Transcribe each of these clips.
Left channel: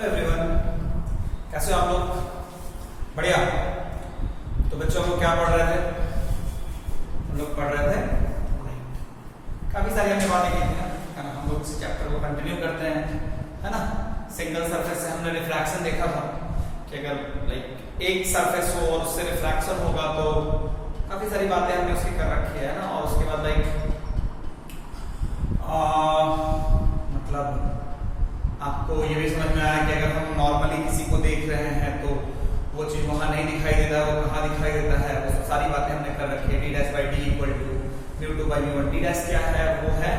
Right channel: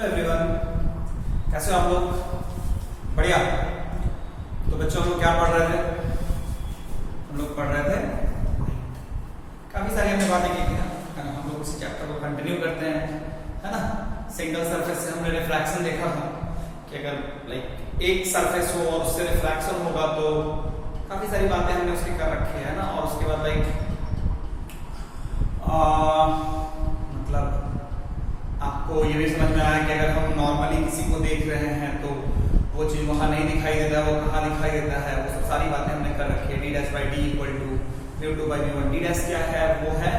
Hello everyone, कैसे हो आप लोग? बढ़िया। तो बच्चों हम लोग क्या पढ़ रहे थे? हम लोग पढ़ रहे थे काफी सारी हमने बातें की थी ना। हम लोग इस चैप्टर को कंटिन्यू करते हैं, है ना। सिंगल सरफेस से हमने रिफ्रैक्शन देखा था कि अगर लाइक एक सरफेस हो और उससे रिफ्रैक्शन होगा तो काफी सारी बातें हमने उसकी कर रखी है ना। और उसके बाद लाइक मतलब आपको ये भी समझ में आया कि अगर हम नॉर्मली किसी को देख रहे हैं तो वो चीज वहां नहीं दिखाई देता, वो कहाँ दिखाई देता है, वो सारी बातें हमने कर रखी है। D dash by D equal to mu two by mu one. D dash क्या है? वो है,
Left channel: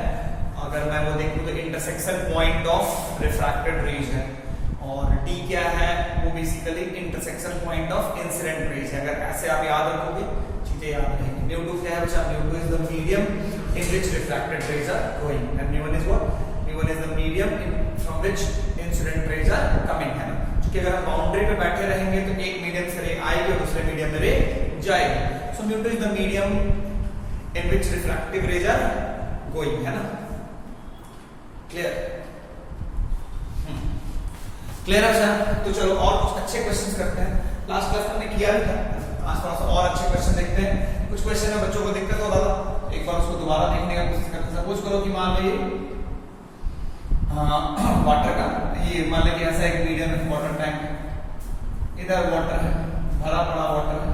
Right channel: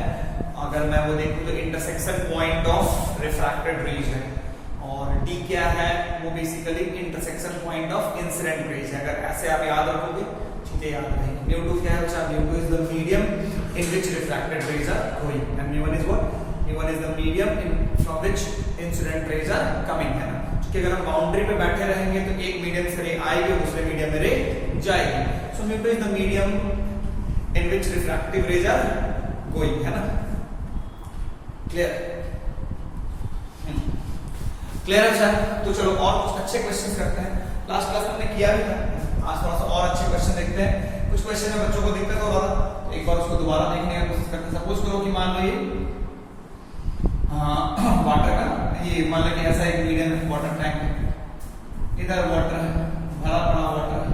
अगर मैं वो देखूं तो intersection point of refracted rays है। और डी क्या है? वो basically intersection point of incident rays है। अगर ऐसे आप याद रखोगे चीजें याद रहेंगी। म्यू टू क्या है बच्चा? Mu two is the medium in which refracted rays are going and mu one is what? Mu one is the medium from which incident rays are coming, है ना। क्योंकि अगर हम बाउंड्री पे बैठे रहेंगे तो एक मीडियम से रे आएगी और दूसरे मीडियम में रे जाएगी। So mu two is the medium in which refractive rays are going, है ना। क्लियर? क्लियर? अच्छा, तो चलो और कुछ अच्छे क्वेश्चंस करते हैं। लास्ट क्लास में हमने किया भी था, आज थोड़ा सा और अच्छे क्वेश्चन देखते हैं। कुछ क्वेश्चन में बच्चों को दिक्कत हो रहा था तो एक बार उसको दोबारा देखने का कोशिश करते हैं। सपोज करो कि मान लीजिए वाटर का ये मान लीजिए ऐसा एक मीडियम वाटर टैंक है, इधर वाटर है, भरा पड़ा वाटर है।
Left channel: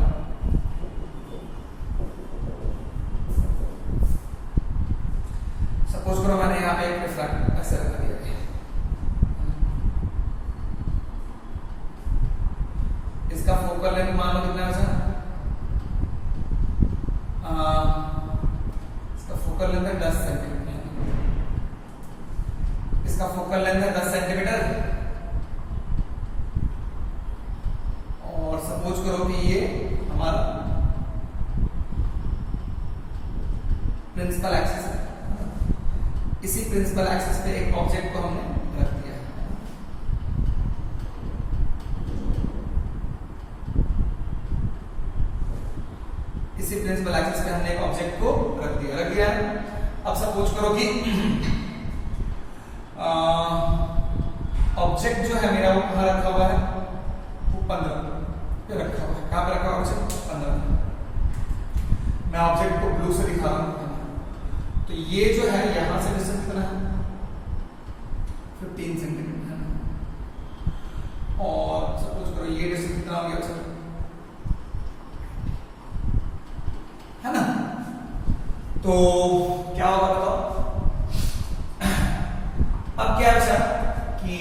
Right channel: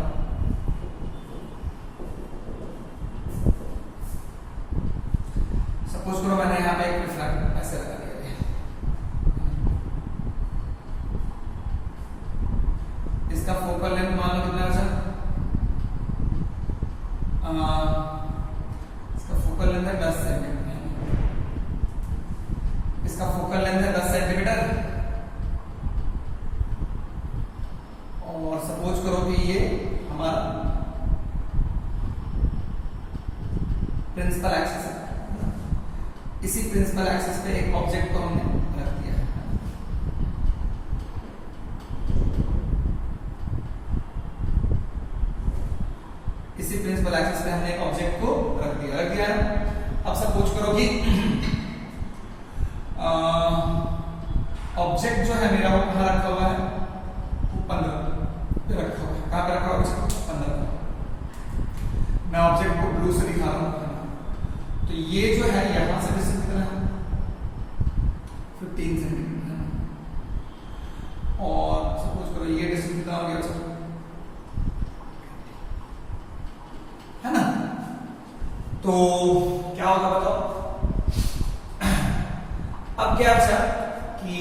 सपोज करो मैंने यहाँ पे एक रिफ्रैक्ट ऐसे रखा दिया, इसका फोकल लेंथ मान लो कितना बचा? इसका फोकल लेंथ है 10 सेंटीमीटर। इसका फोकल लेंथ है 10 सेंटीमीटर। और सपोज करो कि ये हमारा प्रिंसिपल एक्सिस है। इसी प्रिंसिपल एक्सिस पे एक ऑब्जेक्ट को हमने रख दिया है। इसी प्रिंसिपल एक्सिस पे हमने एक ऑब्जेक्ट को रख दिया है। अब सपोज करो कि ऑब्जेक्ट जो है मेरा वो कहाँ रखा हुआ है? वो 15 पे रखा हुआ है। कहाँ पे रखा हुआ है? 15। मैं ऑब्जेक्ट को ब्लू से दिखा रहा हूँ। तो ये जो है यहां से डिस्टेंस कितना है? 15 सेंटीमीटर है। और सपोज करो ये डिस्टेंस कितना हो गया बच्चों? है ना। तो क्या होगा बताओ? अब क्या बचा कि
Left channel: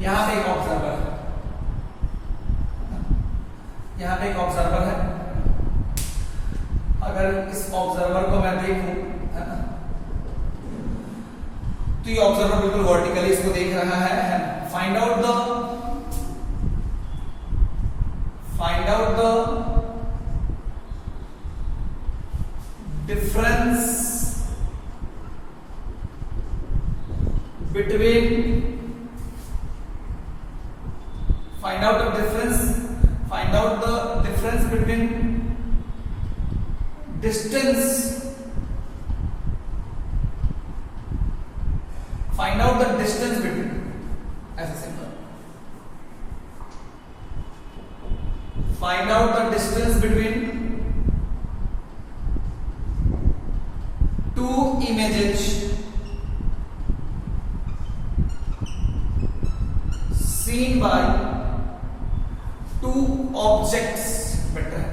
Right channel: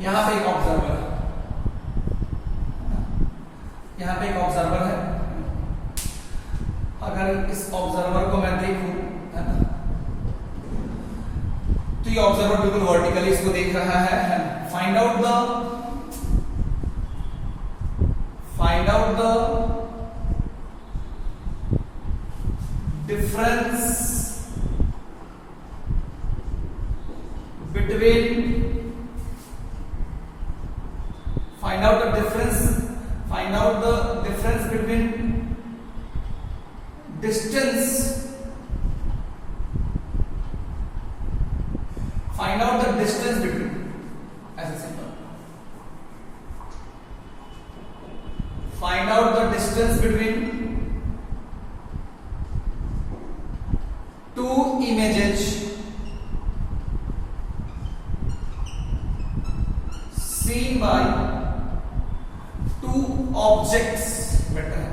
यहां पे एक ऑब्जर्वर है, यहां पे एक ऑब्जर्वर है। अगर इस ऑब्जर्वर को मैं देखूं, है ना, तो ये ऑब्जर्वर बिल्कुल वर्टिकली इसको देख रहा है। Find out the difference between distance, find out the distance between, ऐसे simple, find out the distance between two images seen by two objects। Better है,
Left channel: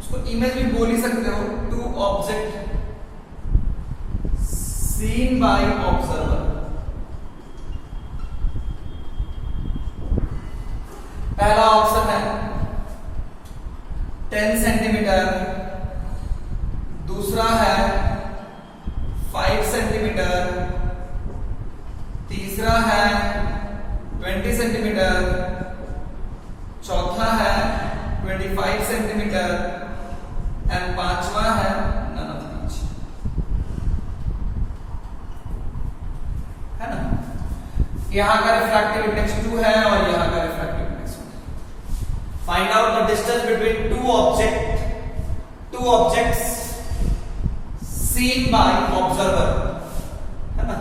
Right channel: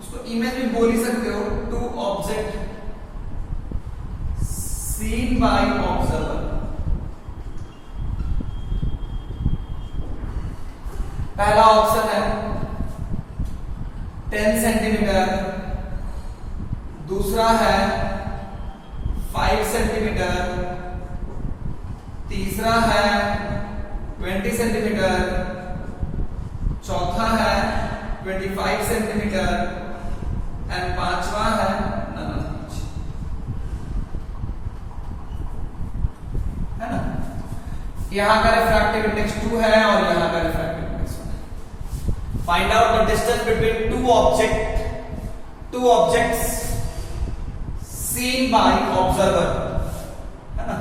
उसको इमेज भी बोल ही सकते हो। Two object seen by observer. पहला ऑप्शन है 10 सेंटीमीटर, दूसरा है 5 सेंटीमीटर, तीसरा है 20 सेंटीमीटर, चौथा है 25 सेंटीमीटर एंड पांचवा है नन ऑफ दीज, है ना। यहां का रिफ्रैक्टिव इंडेक्स 2 है और यहां का रिफ्रैक्टिव इंडेक्स 1 है। Find out the distance between two objects seen by observer, है ना।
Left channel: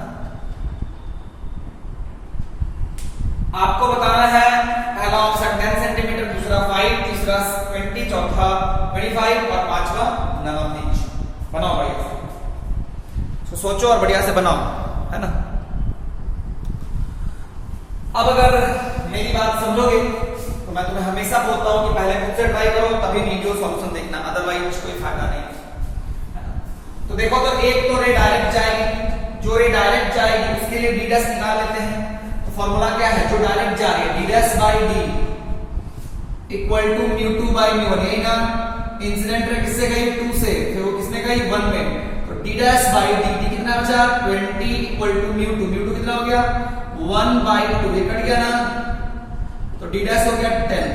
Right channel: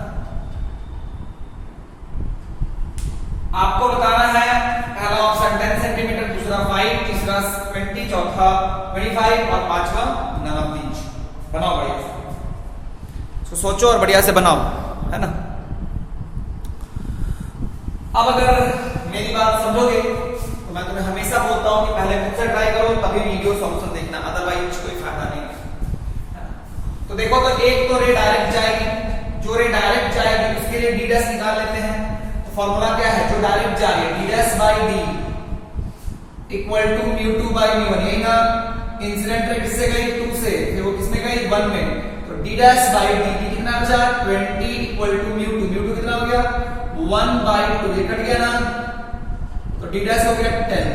आपको बताना है पहला ऑप्शन 10 सेंटीमीटर, दूसरा 5, तीसरा 20, चौथा 25 और पांचवा नन ऑफ दीज। बनाओ बढ़िया से, तो सोचो और बढ़िया से बनाओ, है ना। अब अगर मेरी बात समझोगे तो मैं तुम्हें हमेशा बोलता हूं कि पहले खुद से ट्राई करो, तभी वीडियो सॉल्यूशन देखना, अदरवाइज कोई फायदा नहीं है। तो देखो, तो एक तो रे डायरेक्ट जाएगी, जो रे डायरेक्ट जाएगी उसके लिए डी डैश निकाल लेते हैं। तो फॉर्मूला क्या है, जो डायरेक्ट जा रही है D dash by D equal to mu 2 by mu 1, यही ना। इंसिडेंट रे किससे गई, 2 से, फिर वो किसने गई, 1 में। तो डी डैश बाई डी कितना बचा, 20 इक्वल टू म्यू 2 कितना हो गया, 1 बाई 2, ये कट गया ना। तो डी डैश हो गया 10।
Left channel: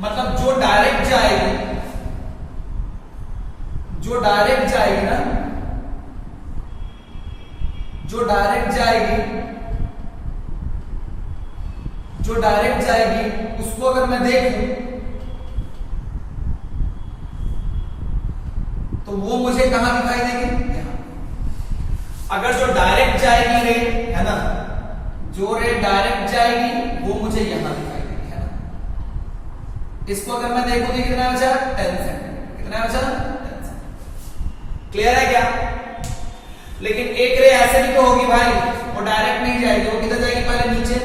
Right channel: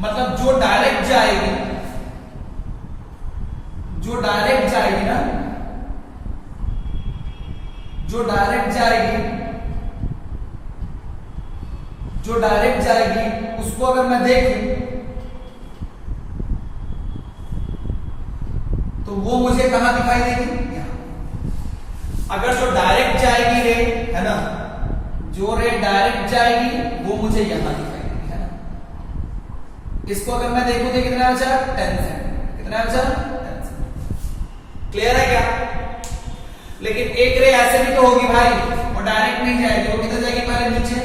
मतलब जो डायरेक्ट जाएगी, जो डायरेक्ट जाएगी ना, जो डायरेक्ट जाएगी, जो डायरेक्ट जाएगी उसको अगर मैं देखूं तो वो मुझे कहां दिखाई देगी, अगर जो डायरेक्ट जाएगी रे, है ना, जो रे डायरेक्ट जाएगी वो मुझे यहां दिखाई देगी, है ना। इसको अगर मैं देखूं तो कितना बचा, 10 सेंटीमीटर, कितना बचा, 10 सेंटीमीटर। क्लियर है क्या। लेकिन एक रे ऐसे भी तो होगी भाई, वो डायरेक्ट नहीं जाएगी, वो किधर जाएगी, पहले नीचे,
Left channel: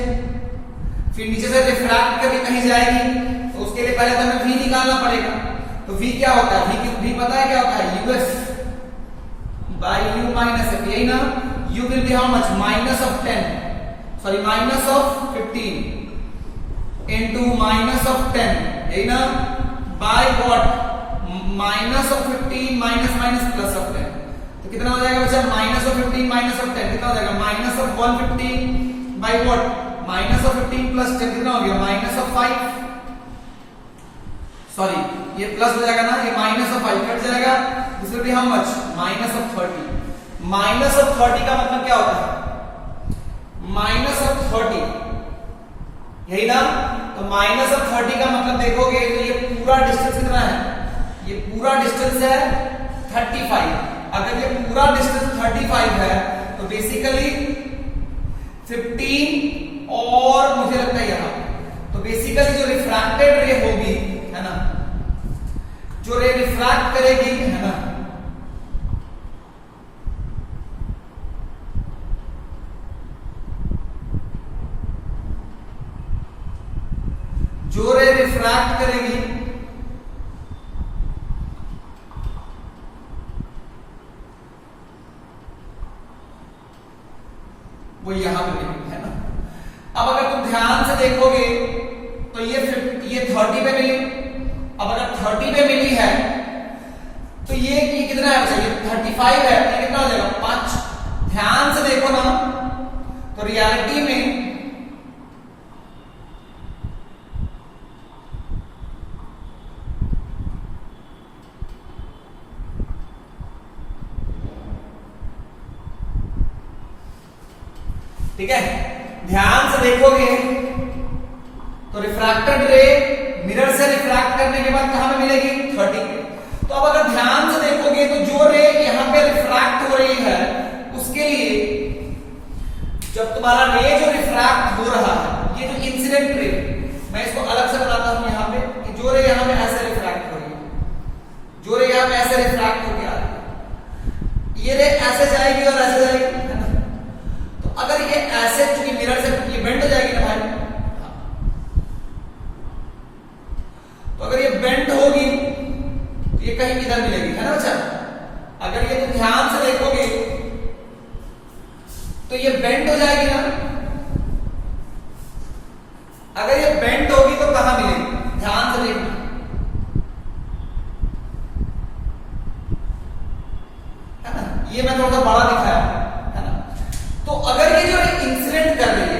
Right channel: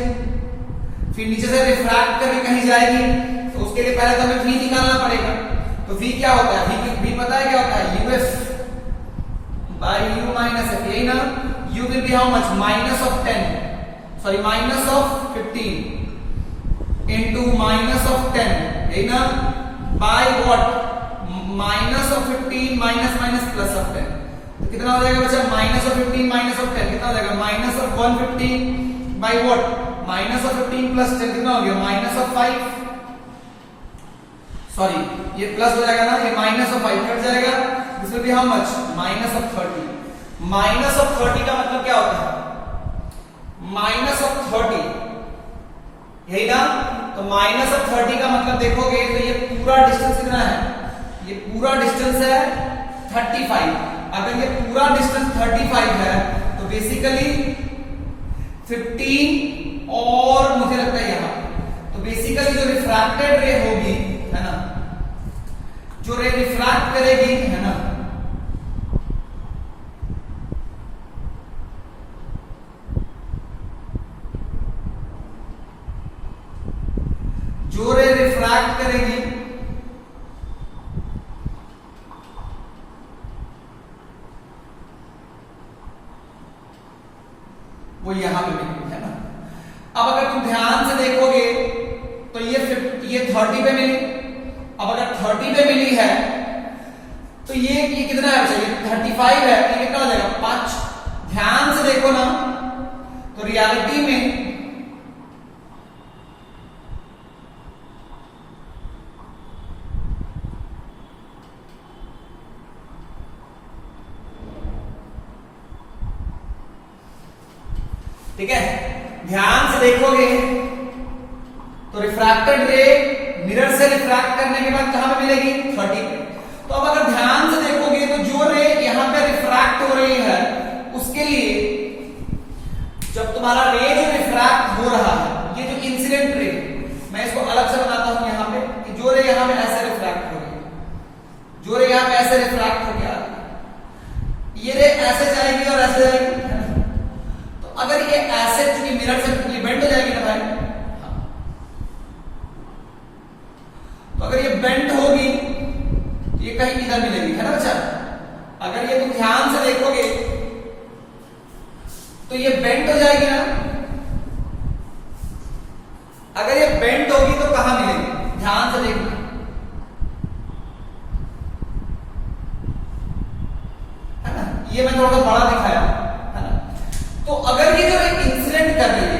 फिर नीचे से रिफ्रैक्ट करके कहीं जाएगी, तो उसके लिए पहले तो हमें v निकालना पड़ेगा। तो v क्या होता है, v पता है क्या होता है, uf by u minus f, यही ना। u will be how much, minus of 10, sorry minus of 15 into minus of 10, यही ना, by what, minus of 15 minus minus plus of 10। तो कितना हो जाएगा बच्चा, minus of 15 minus of 10 कितना हो जाएगा, minus of 150 by what, minus of 15 plus 10 कितना हो गया, minus of 5, सॉरी ये प्लस हो जाएगा ना, ये माइनस ऑफ 5 कट जाएगा, this will be how much, minus of 30। Minus of 30 का मतलब क्या होता है, माइनस ऑफ 30, यही ना। तो माइनस ऑफ 30 का मतलब देखोगे तो ये पूरा डिस्टेंस कितना है, ये पूरा डिस्टेंस है 35। अगर ये पूरा डिस्टेंस 35 है तो बेसिकली 15 और मुझे लगता है यहां, तो बेसिकली जो रिफ्रैक्टेड रे होगी, है ना, जो रे रिफ्रैक्ट करेगी, है ना, जो रे रिफ्रैक्ट करेगी वो यहां पे मिलेगी, है ना। अब अगर तुम ध्यान से देखोगे तो ये 30 पे मिली। अब अगर 30 पे मिली है तो ये कितना है, ये 35 है, ये कितना हो जाएगा, 5। ध्यान से देखो ना, तो रियलिटी में ठीक है, ध्यान से देखोगे तो रिफ्रैक्टेड रे मिरर से रिफ्रैक्ट करने के बाद कहां पे मिलेगी, 30 पे। तो अब अगर ध्यान से देखोगे तो जो रे यहां पे रिफ्रैक्ट हो रही है उसके लिए जब तुम्हारा रे जो रिफ्रैक्ट हो रहा है, ये जो इंसिडेंट रे, मैं इसको अलग से बनाता हूं यहां पे, कि जो रे यहां पे ऐसे रिफ्रैक्ट हो रही है, जो रे यहां पे ऐसे रिफ्रैक्ट होकर आ रही है, ये रे ऐसे जाएगी और ऐसे जाएगी, है ना। तो अगर ये ऐसे चूंकि मिरर से ये बेंड हो जाएगी ना भाई, तो अगर ये बेंड होगी तो ये कहीं इधर मिलेगी, है ना बच्चा। अगर ये तुम ध्यान से देखोगे तो ये बेंड हो जाएगी ना। अगर ये बेंड होगी तो कहां मिलेगी, ध्यान से देखो, है ना। ये मैं थोड़ा सा बड़ा दिखाया, है ना। तो अगर ये जो इंसिडेंट कर रही है,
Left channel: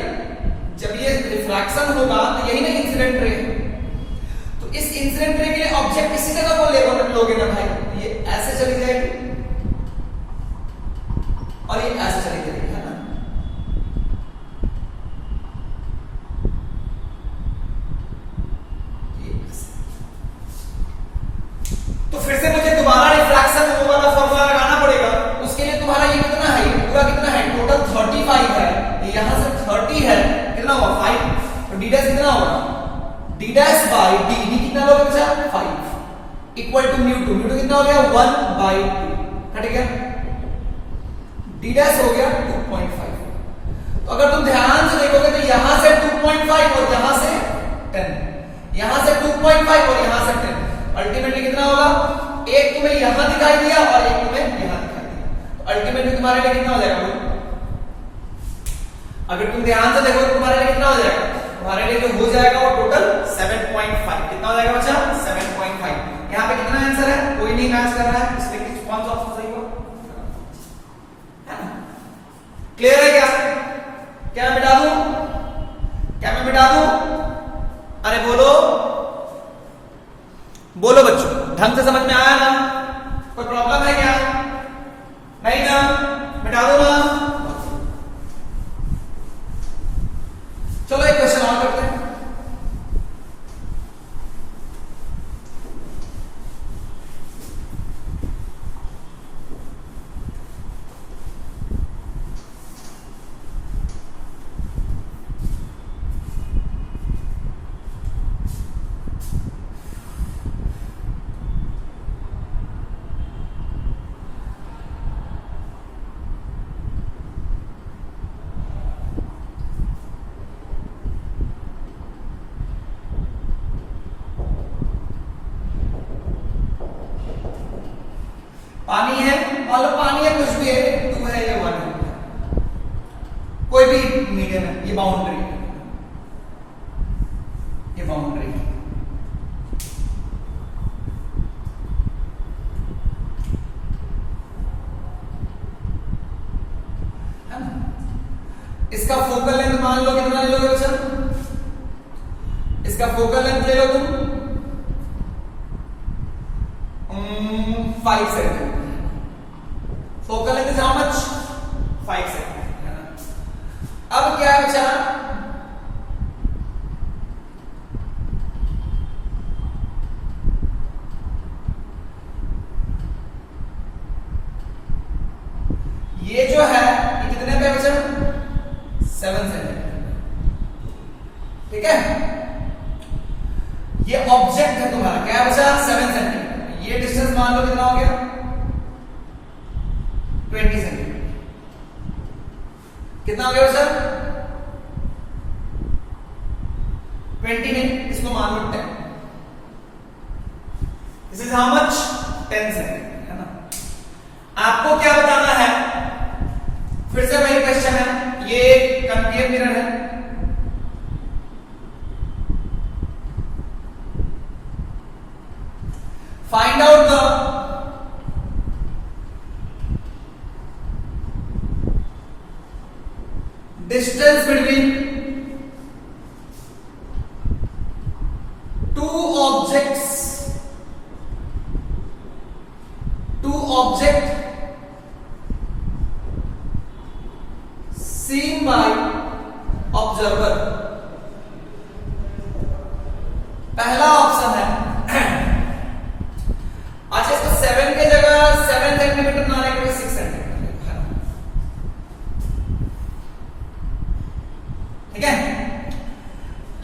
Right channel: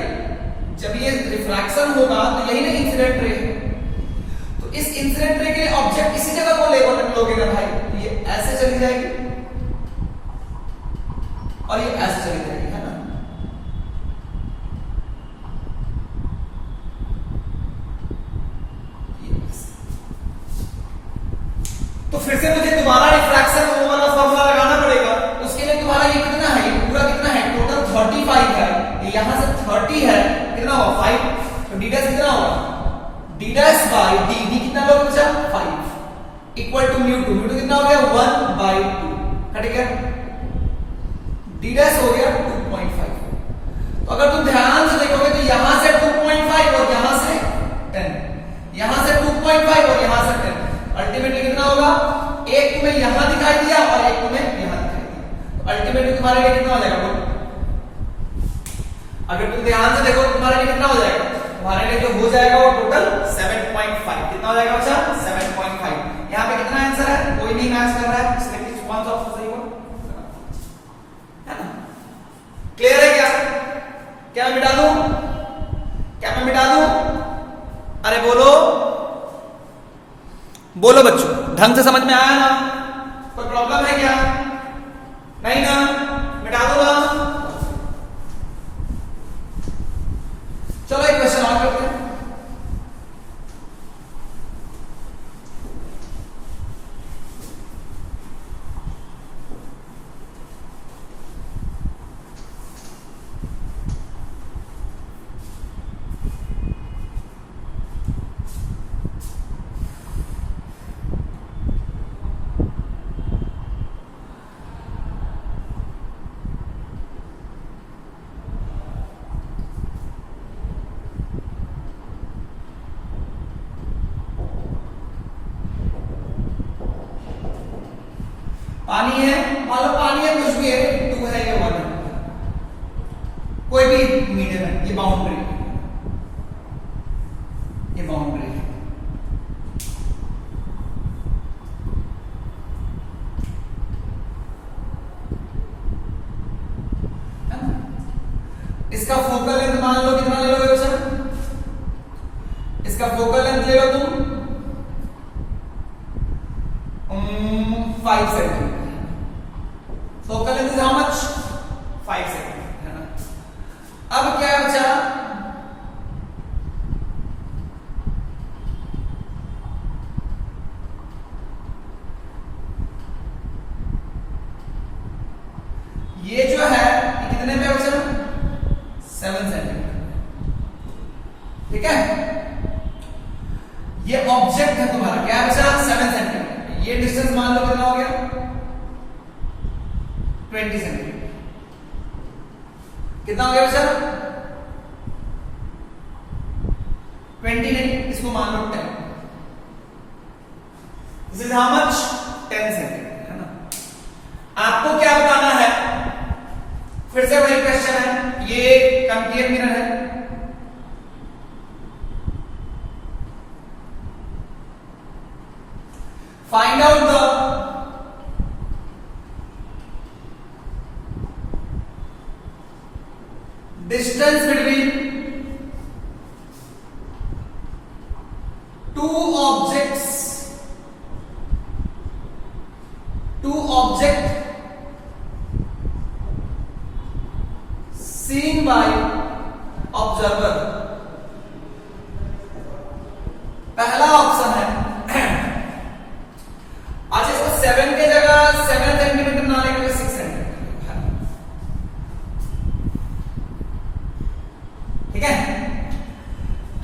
जब ये रिफ्रैक्शन होगा तो यही ना इंसिडेंट रे, इस इंसिडेंट रे के लिए ऑब्जेक्ट इसी जगह को लोगे ना भाई, ये ऐसे चली जाएगी और ये ऐसे चली जाएगी, है ना। तो फिर से मुझे दोबारा रिफ्रैक्शन वो वाला फॉर्मूला लगाना पड़ेगा। उसके लिए तुम्हारा ये कितना है, ये पूरा कितना है, टोटल 35 है, यहां से 30 है, कितना हुआ 5, तो d डैश कितना होगा d dash by d, d कितना होगा बच्चा 5 इक्वल टू म्यू 2, म्यू 2 कितना हो गया 1/2, कट गया, d डैश हो गया 2.5। तो अगर तुम ध्यान से देखोगे तो यहां से 2.5 और यहां से 10, यहां से 2.5 और यहां से 10, अल्टीमेटली कितना होगा, एक तुम्हें यहां दिखाई दिया और एक तुम्हें यहां दिखाई दिया, तो अल्टीमेटली तुम्हारे लिए कितना हो जाएगा, अगर तुम ध्यान से देखो तो तुम्हारे लिए कितना हो जाएगा, तुम्हारे लिए तो हो जाएगा वो टोटल 7.5, कितना हो जाएगा बच्चा 7.5। यहाँ पे कितना आंसर है, कोई नहीं मैच कर रहा है, इसलिए कौन सा ऑप्शन सही होगा, है ना, क्लियर है क्या, क्या मैं मिटा दूं, क्या मैं मिटा दूं, अरे बोलो बोलो बच्चों, ढंग से समझ में आया ना, कोई प्रॉब्लम है क्या, नहीं ना, मिटा दो ना, चलो एक क्वेश्चन और करते हैं। पानी है, मान लो पानी है, कुछ भी है, 2 है या 1 है, कोई भी मीडियम है, ये बाउंड्री है, ये बाउंड्री है, इसका फोकल लेंथ मान लो कितना ले लोगे बच्चा, इसका फोकल लेंथ ले लो तुम 5 centimetre, focal length is how much 5 centimetre. अब क्या बचा, ये जो है ये कितने पे बचा 7 सेंटीमीटर, ठीक है, ये ऑब्जेक्ट है तुम्हारा, क्या बचा 7 सेंटीमीटर, ये डिस्टेंस मान लो कितना हो गया 20 सेंटीमीटर, कितना हो गया सर 20 नहीं, इसको मान लो 10, this is how much 10 centimetre, है ना। आपको क्या बताना है, फिर से वही क्वेश्चन है, ये कंकेव मिरर है, find out the distance between two objects seen by observer। पहला ऑप्शन है, अच्छा इसको 7 की जगह 7 सेंटीमीटर ना लेकर 6 सेंटीमीटर, ठीक है,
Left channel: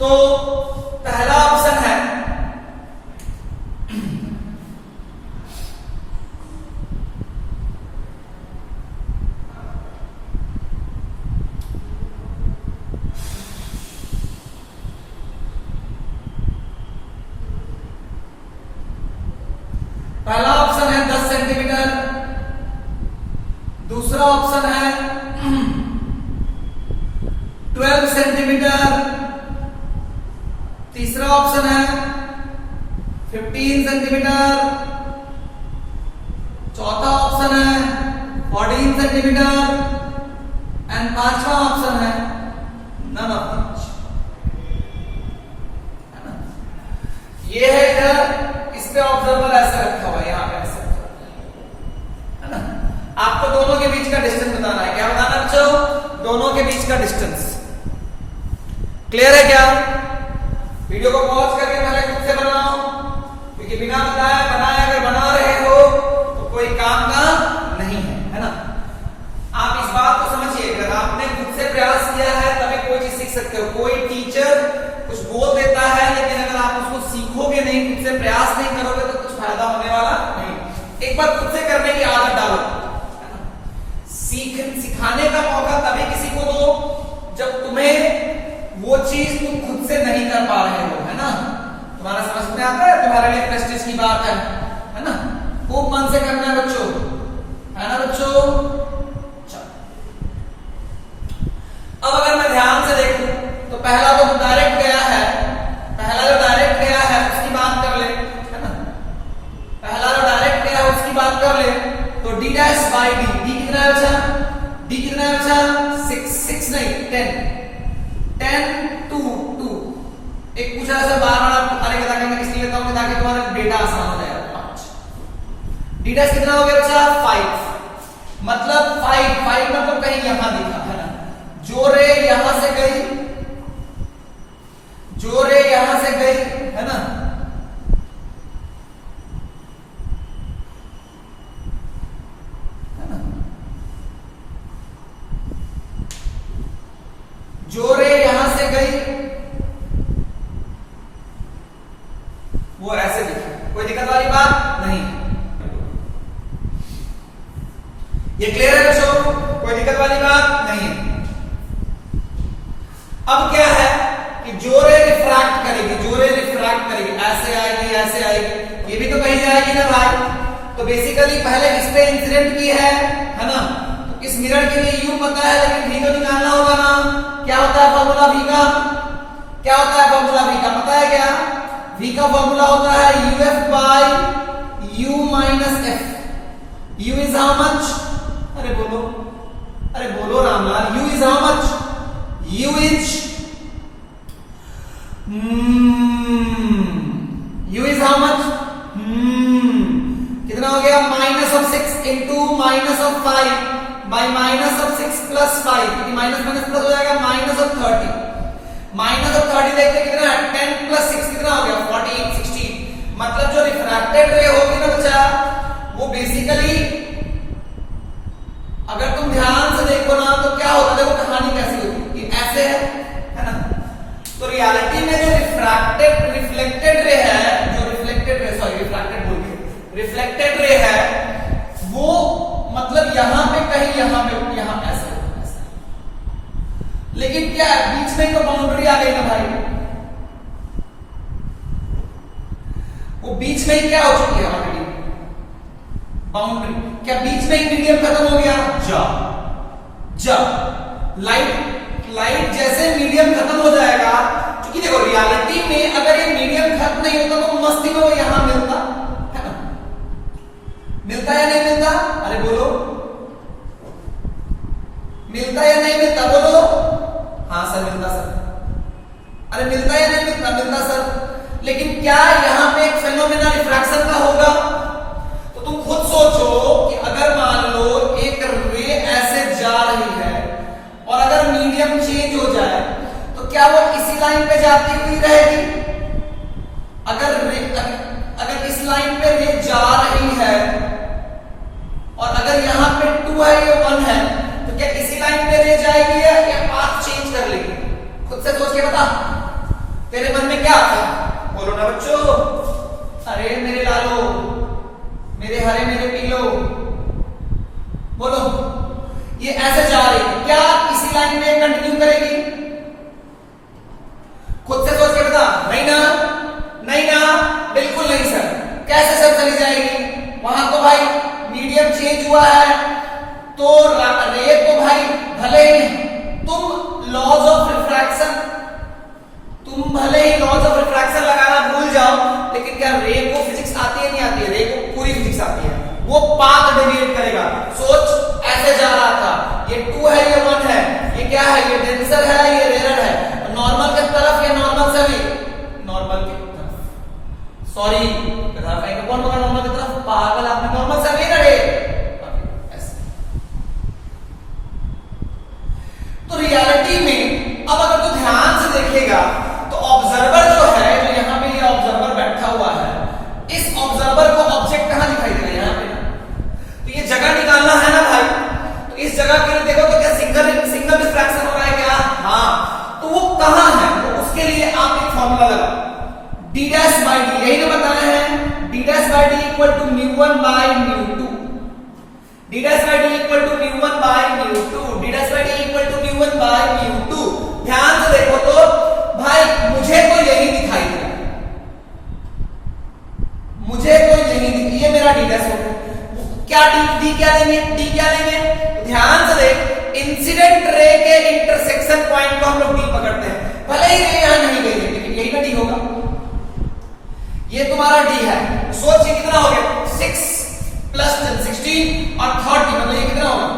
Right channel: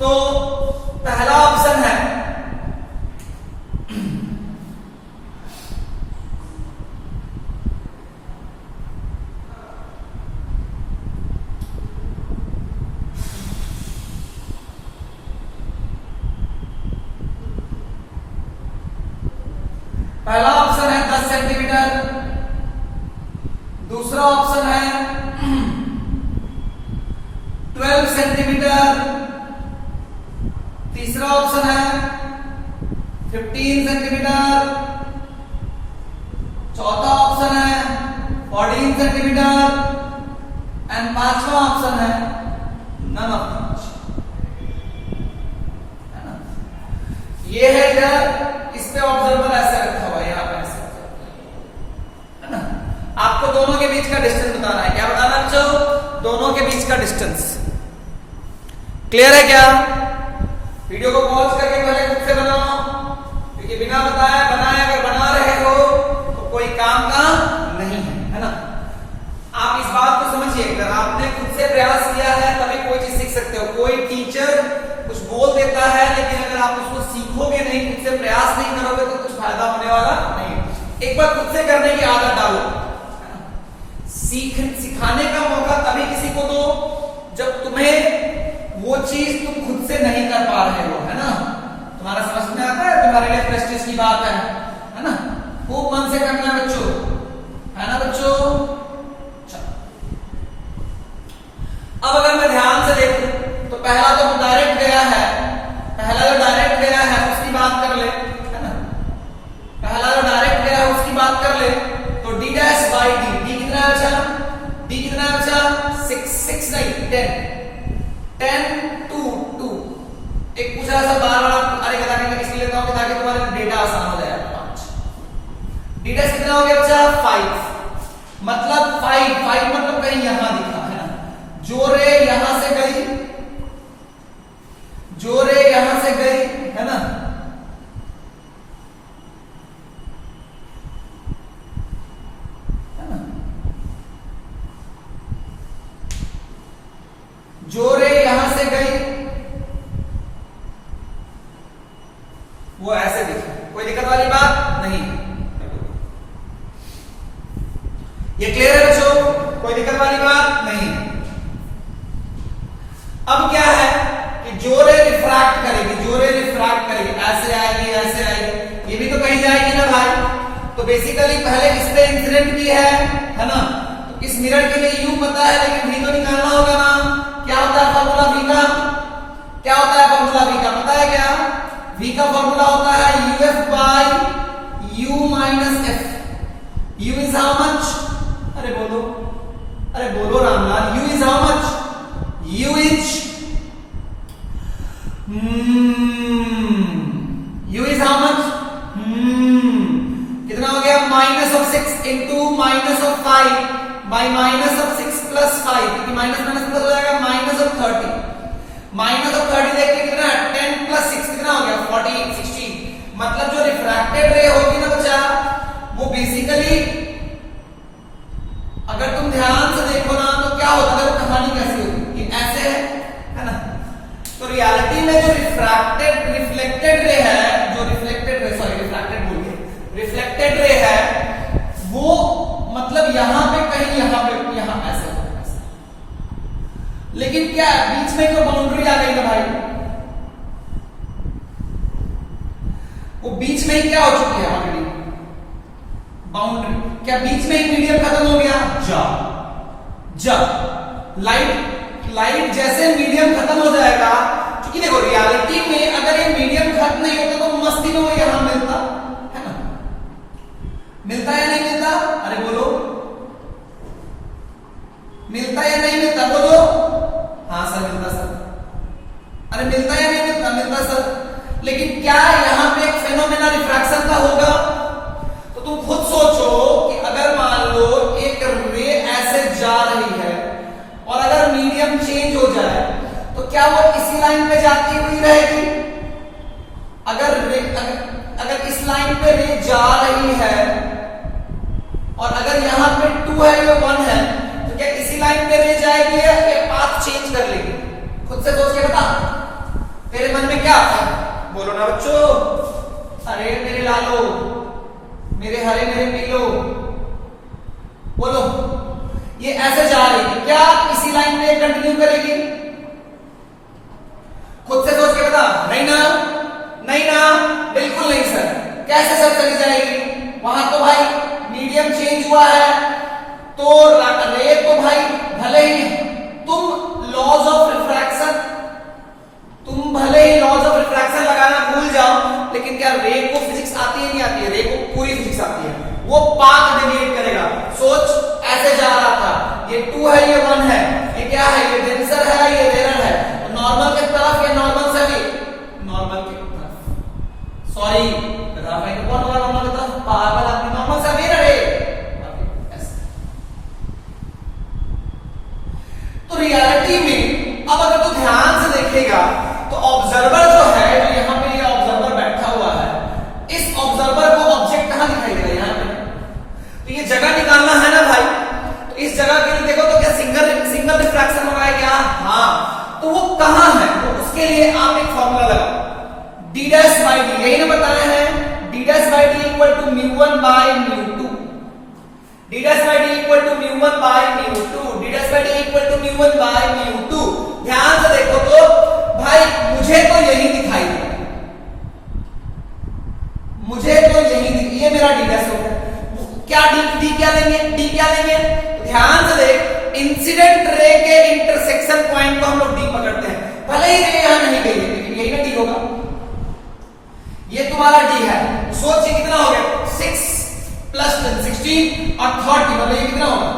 तो पहला ऑप्शन है पहला ऑप्शन है 10 सेंटीमीटर, दूसरा ऑप्शन है 12 सेंटीमीटर, तीसरा ऑप्शन है 15 सेंटीमीटर, चौथा ऑप्शन है 14 सेंटीमीटर एंड पांचवा ऑप्शन है नन ऑफ दीज। ये है इधर, इस पे ऑब्जर्वर ऐसे रखा हुआ है, यहां पे ऐसे, है ना। आपको दोनों के बीच का डिस्टेंस बताना है, क्या बताना बच्चों, दोनों के बीच का डिस्टेंस। क्लियर है क्या? वीडियो को पॉज करके पहले खुद से बनाओ, क्योंकि बिना बनाए अगर बना रहे हो तो कोई काम का नहीं है ना। आप इस बात को समझिए, अगर आपने खुद से प्रयास किया है तभी कोई चीज सीख सकते हो, अगर आप उसको सीखोगे नहीं, खुद से प्रयास नहीं करोगे तो कुछ फायदा होने वाला नहीं। एक बार खुद से करने की आदत डालो। सिखाने का मौका तभी किसी को दो जब तुम्हें वो चीज तुम खुद से नहीं कर पा रहे हो, है ना। तुम्हारा समझ में आता है, तुम्हारे लिए प्रेस्टीज की बात है ना। खूब मन से करना है बच्चों, है ना बच्चों। अब अगर मैं ध्यान से देखूं तो पहला जो डायरेक्ट गया है, उसकी बात कर ले, है ना। पहला जो डायरेक्ट गया है उसकी बात कर ले तो d dash by D, D कितना बचा, 6 नहीं 10 2 2। एक पूछा ऐसा बार बार अरे ताकि मैं किसलिए लेता हूं ताकि तुम्हारा डेटा आसान हो जाए। 5 d डैश कितना हो गया बचा 5, मतलब 5 मतलब कहीं यहां दिखा, है ना। जो रे यहां से गई, है ना, जो रे यहां से गई वो ऐसे दिखे, कोई दिक्कत वाली बात नहीं। ये क्लियर है बच्चों, कोई दिक्कत वाली बात नहीं। अब क्या है कि जो रे रिफ्रैक्ट करेगी, ऐसे आएगी, ये भी तो कहीं जाएगी ना भाई। तो बेसिकली पहले इस पे इंसिडेंट की है ना। तो इस मिरर के लिए यू पता है, लेकिन भी तो निकालना होगा ना। क्या होता है फॉर्मूला v का, पता है क्या। v का फॉर्मूला होता है uf by u minus f। u is how much, अरे बोलो Ramlal, u is how much, u is how much, कितना हो गया -6 इंटू -5 बाई -6 प्लस 5, क्योंकि माइनस प्लस हो जाएगा -30। -30 देखते कितना है 10 प्लस 6 कितना हो गया 14 16। मतलब जो रिफ्रैक्टेड रे होगी ना बच्चा, वो बेसिकली अगर तुम ध्यान से देखो ना तो क्या होता है, वो कहानी कैसी होती है, ऐसे है ना। तो रियलिटी में जो रिफ्लेक्टेड रे है, रिफ्लेक्टेड रे है वो मतलब यहां पे कहीं, यहां ऐसे। लेकिन क्या बीच में तो बाउंड्री आ गई ना भाई, वो बीच में ही क्या हो चुकी है हमारी बाउंड्री, क्या बीच में ही मीडियम खत्म हो गया। जब लाइट जैसे मीडियम खत्म हो जाएगा, क्योंकि देखो रियलिटी में अगर ये मीडियम खत्म नहीं होता तो मस्ती में वो यहां मिलता है ना, मिलता या नहीं मिलता, अरे बोलो, मिलता या नहीं मिलता, बोलो। हाँ सर मिलता सर, अरे मिलता या नहीं मिलता सर। लेकिन क्या यहां पे एक फेनोमेना रिफ्रैक्शन का होगा। तो तुम खुद सोचो कि अगर मान लो एक रे ऐसे जा रही है और अगर मीडियम चेंज हो जाए तो क्या वो इसी लाइन पे जाती हुई रहेगी। अगर इस लाइन पे रे जा रही है और अगर यहां पे 2 है ये 1 है, तो क्या इसी लाइन पे रे जाएगी या पाथ चेंज कर लेगी। खुद से सोच के बता, तेरे मन में क्या आता है, बोलो ना बच्चों। अरे मेरे लालो, मेरे हरे, मेरे पीलो, बोलो। ये ऐसे जा रही है, क्या इसी लाइन में कंटिन्यू करेगी। खुद से सोच के बता। नहीं ना, बिल्कुल नहीं सर। कैसे सर चली जाएगी, वहां तो भाई मीडियम चेंज हुआ है, तो रे तो भाई भले ही तुम लॉज ऑफ रिफ्रैक्शन लगाना भूल जाओ, लेकिन क्या रे को फिजिक्स आती है नहीं आती है, रे को पूरी फिजिक्स आती है। वो पाथ डेविएट करेगा। सोच ऐसे जा रहा था, ये 2 है ये 1 है, ये क्या है, ये डेंसर है ये रेयर है, नॉर्मल की तरफ या नॉर्मल से भी नॉर्मल की तरफ, सॉरी कौन बोला नॉर्मल की तरफ, पागल आदमी, नॉर्मल से रेयर है। तो रियलिटी में अब अगर तो ध्यान से देखेगा तो ऑब्जर्वर जो है, जो यहां पे ये ऑब्जर्वर बैठा हुआ है, इस ऑब्जर्वर को ऑब्जेक्ट कहां दिखाई दे रहा है, यहां पे। तो ये जगह निकालना है ना भाई, तो इस जगह के लिए देखो तो क्या सिंगल रिफ्रैक्शन हो रहा है क्या, हाँ। तो वो कहां है, तो उसके लिए आप एक फॉर्मूला लगाओ, d mu1 by mu2, d dash by d equal to mu1 by mu2, d dash by d equal to mu1 by mu2। ध्यान से देखो तो भाई मुझे तो यही दिखाई दे रहा है, मुझे तो यही, ये मेरा d dash हो गया। क्या d क्या लेंगे, d क्या लेंगे, ध्यान से देख, इंसिडेंट रे के इंटरसेक्शन पॉइंट को हम लोग d पकड़ते हैं, भले ही रे यहां नहीं गई लेकिन यही ना d होगा, ये तुम्हारा d है। सोचिए कितना हो गया, 6 प्लस 10 16 और 30, मतलब ये कितना होगा,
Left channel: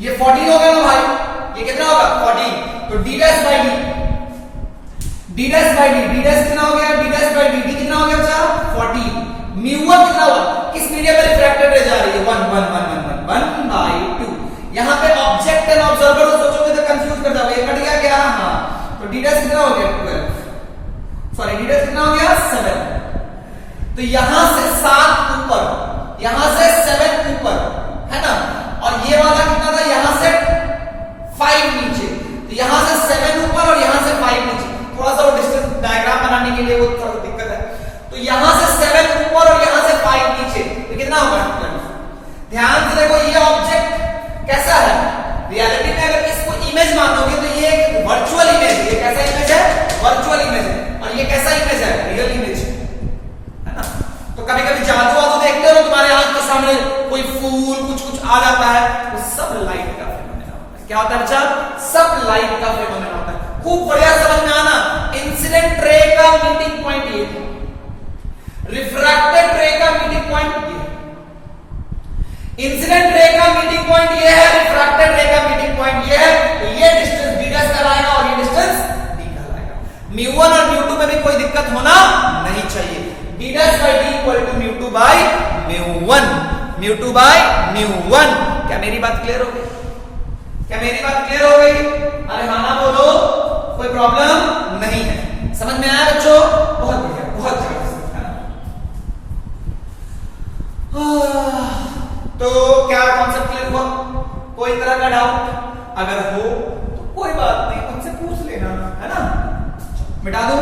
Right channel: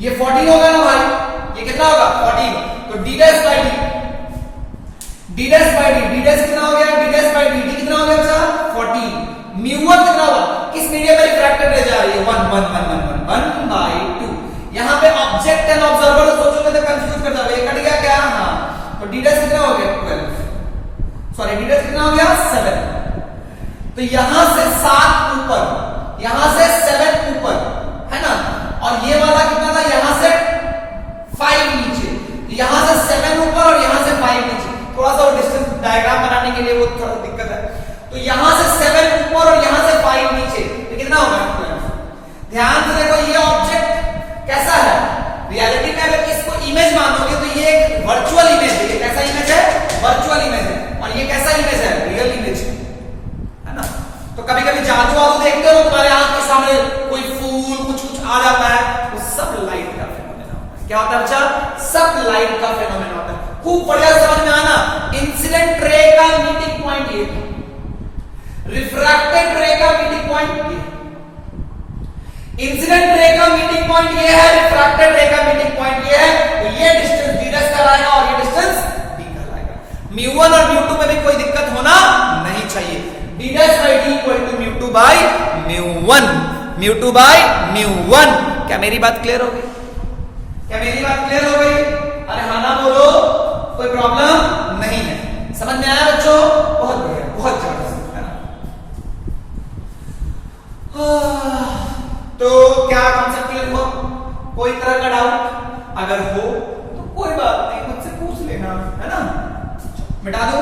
ये 14 होगा ना भाई, ये कितना होगा 14। तो d dash by d dash by d dash कितना हो गया, d डैश बाई d कितना हो गया बच्चा 14। mu1 कितना होगा, किस मीडियम में रिफ्रैक्टेड रे जा रही है 1 1 1 1 1 by 2। यहां पे ऑब्जेक्ट एंड ऑब्जर्वर सोचोगे तो कंफ्यूज कर जाओगे, ये कट गया क्या, हां, तो d डैश कितना हो गया 12, सॉरी d डैश कितना हो गया 7। तो यहां से 7 ऊपर, यहां से 7 ऊपर है ना, और ये वाला कितना था, यहां से 5 नीचे, तो यहां से 7 ऊपर और यहां से 5 नीचे, थोड़ा सा वो डिस्टेंस डायग्राम बनाने के लिए वो थोड़ा दिक्कत है। तो यहां से 7 ऊपर और यहां से 5 नीचे, तो कितना होगा, ध्यान से देखो ये ऑब्जेक्ट कैसा है, रियलिटी में अगर इसको इमेज मानोगे तो ये एक वर्चुअल इमेज है, ये कैसा इमेज है, वर्चुअल इमेज है, और ये कैसा इमेज है, रियल इमेज है ना। तो कभी कभी जादू वादू देखते हो तुम्हारे आंख के सामने कोई फूल कुछ कुछ आ जाता है, वो सब लाइट का फेनोमेना होता है। क्या होता है बच्चा, सब लाइट का फेनोमेना होता है। खूब बढ़िया समझ में आना, इंसिडेंट रे का मीटिंग पॉइंट ये था, रिफ्रैक्टेड रे का मीटिंग पॉइंट ये, इंसिडेंट रे का मीटिंग पॉइंट ये है, रिफ्रैक्टेड रे का मीटिंग पॉइंट ये है, तो ये डिस्टेंस d डैश कहलाएगा और ये डिस्टेंस d कहलाएगा। mu1 और mu2 में भी कोई दिक्कत होना नहीं चाहिए। d dash by d equal to mu2 by mu1, mu2 by mu1। क्या मेरी बात क्लियर हो गई, क्या मेरी बात क्लियर हो गई, अरे हाँ ना बोलो, कोई प्रॉब्लम नहीं है, समझ में आया बच्चों, बहुत बढ़िया, बहुत जबरदस्त है ना। तो क्या कॉन्सेप्ट क्लियर हुआ, कोई तरह का डाउट अगर हो तो कोई बात नहीं, मुझसे पूछ लेना है ना, मिटा दो।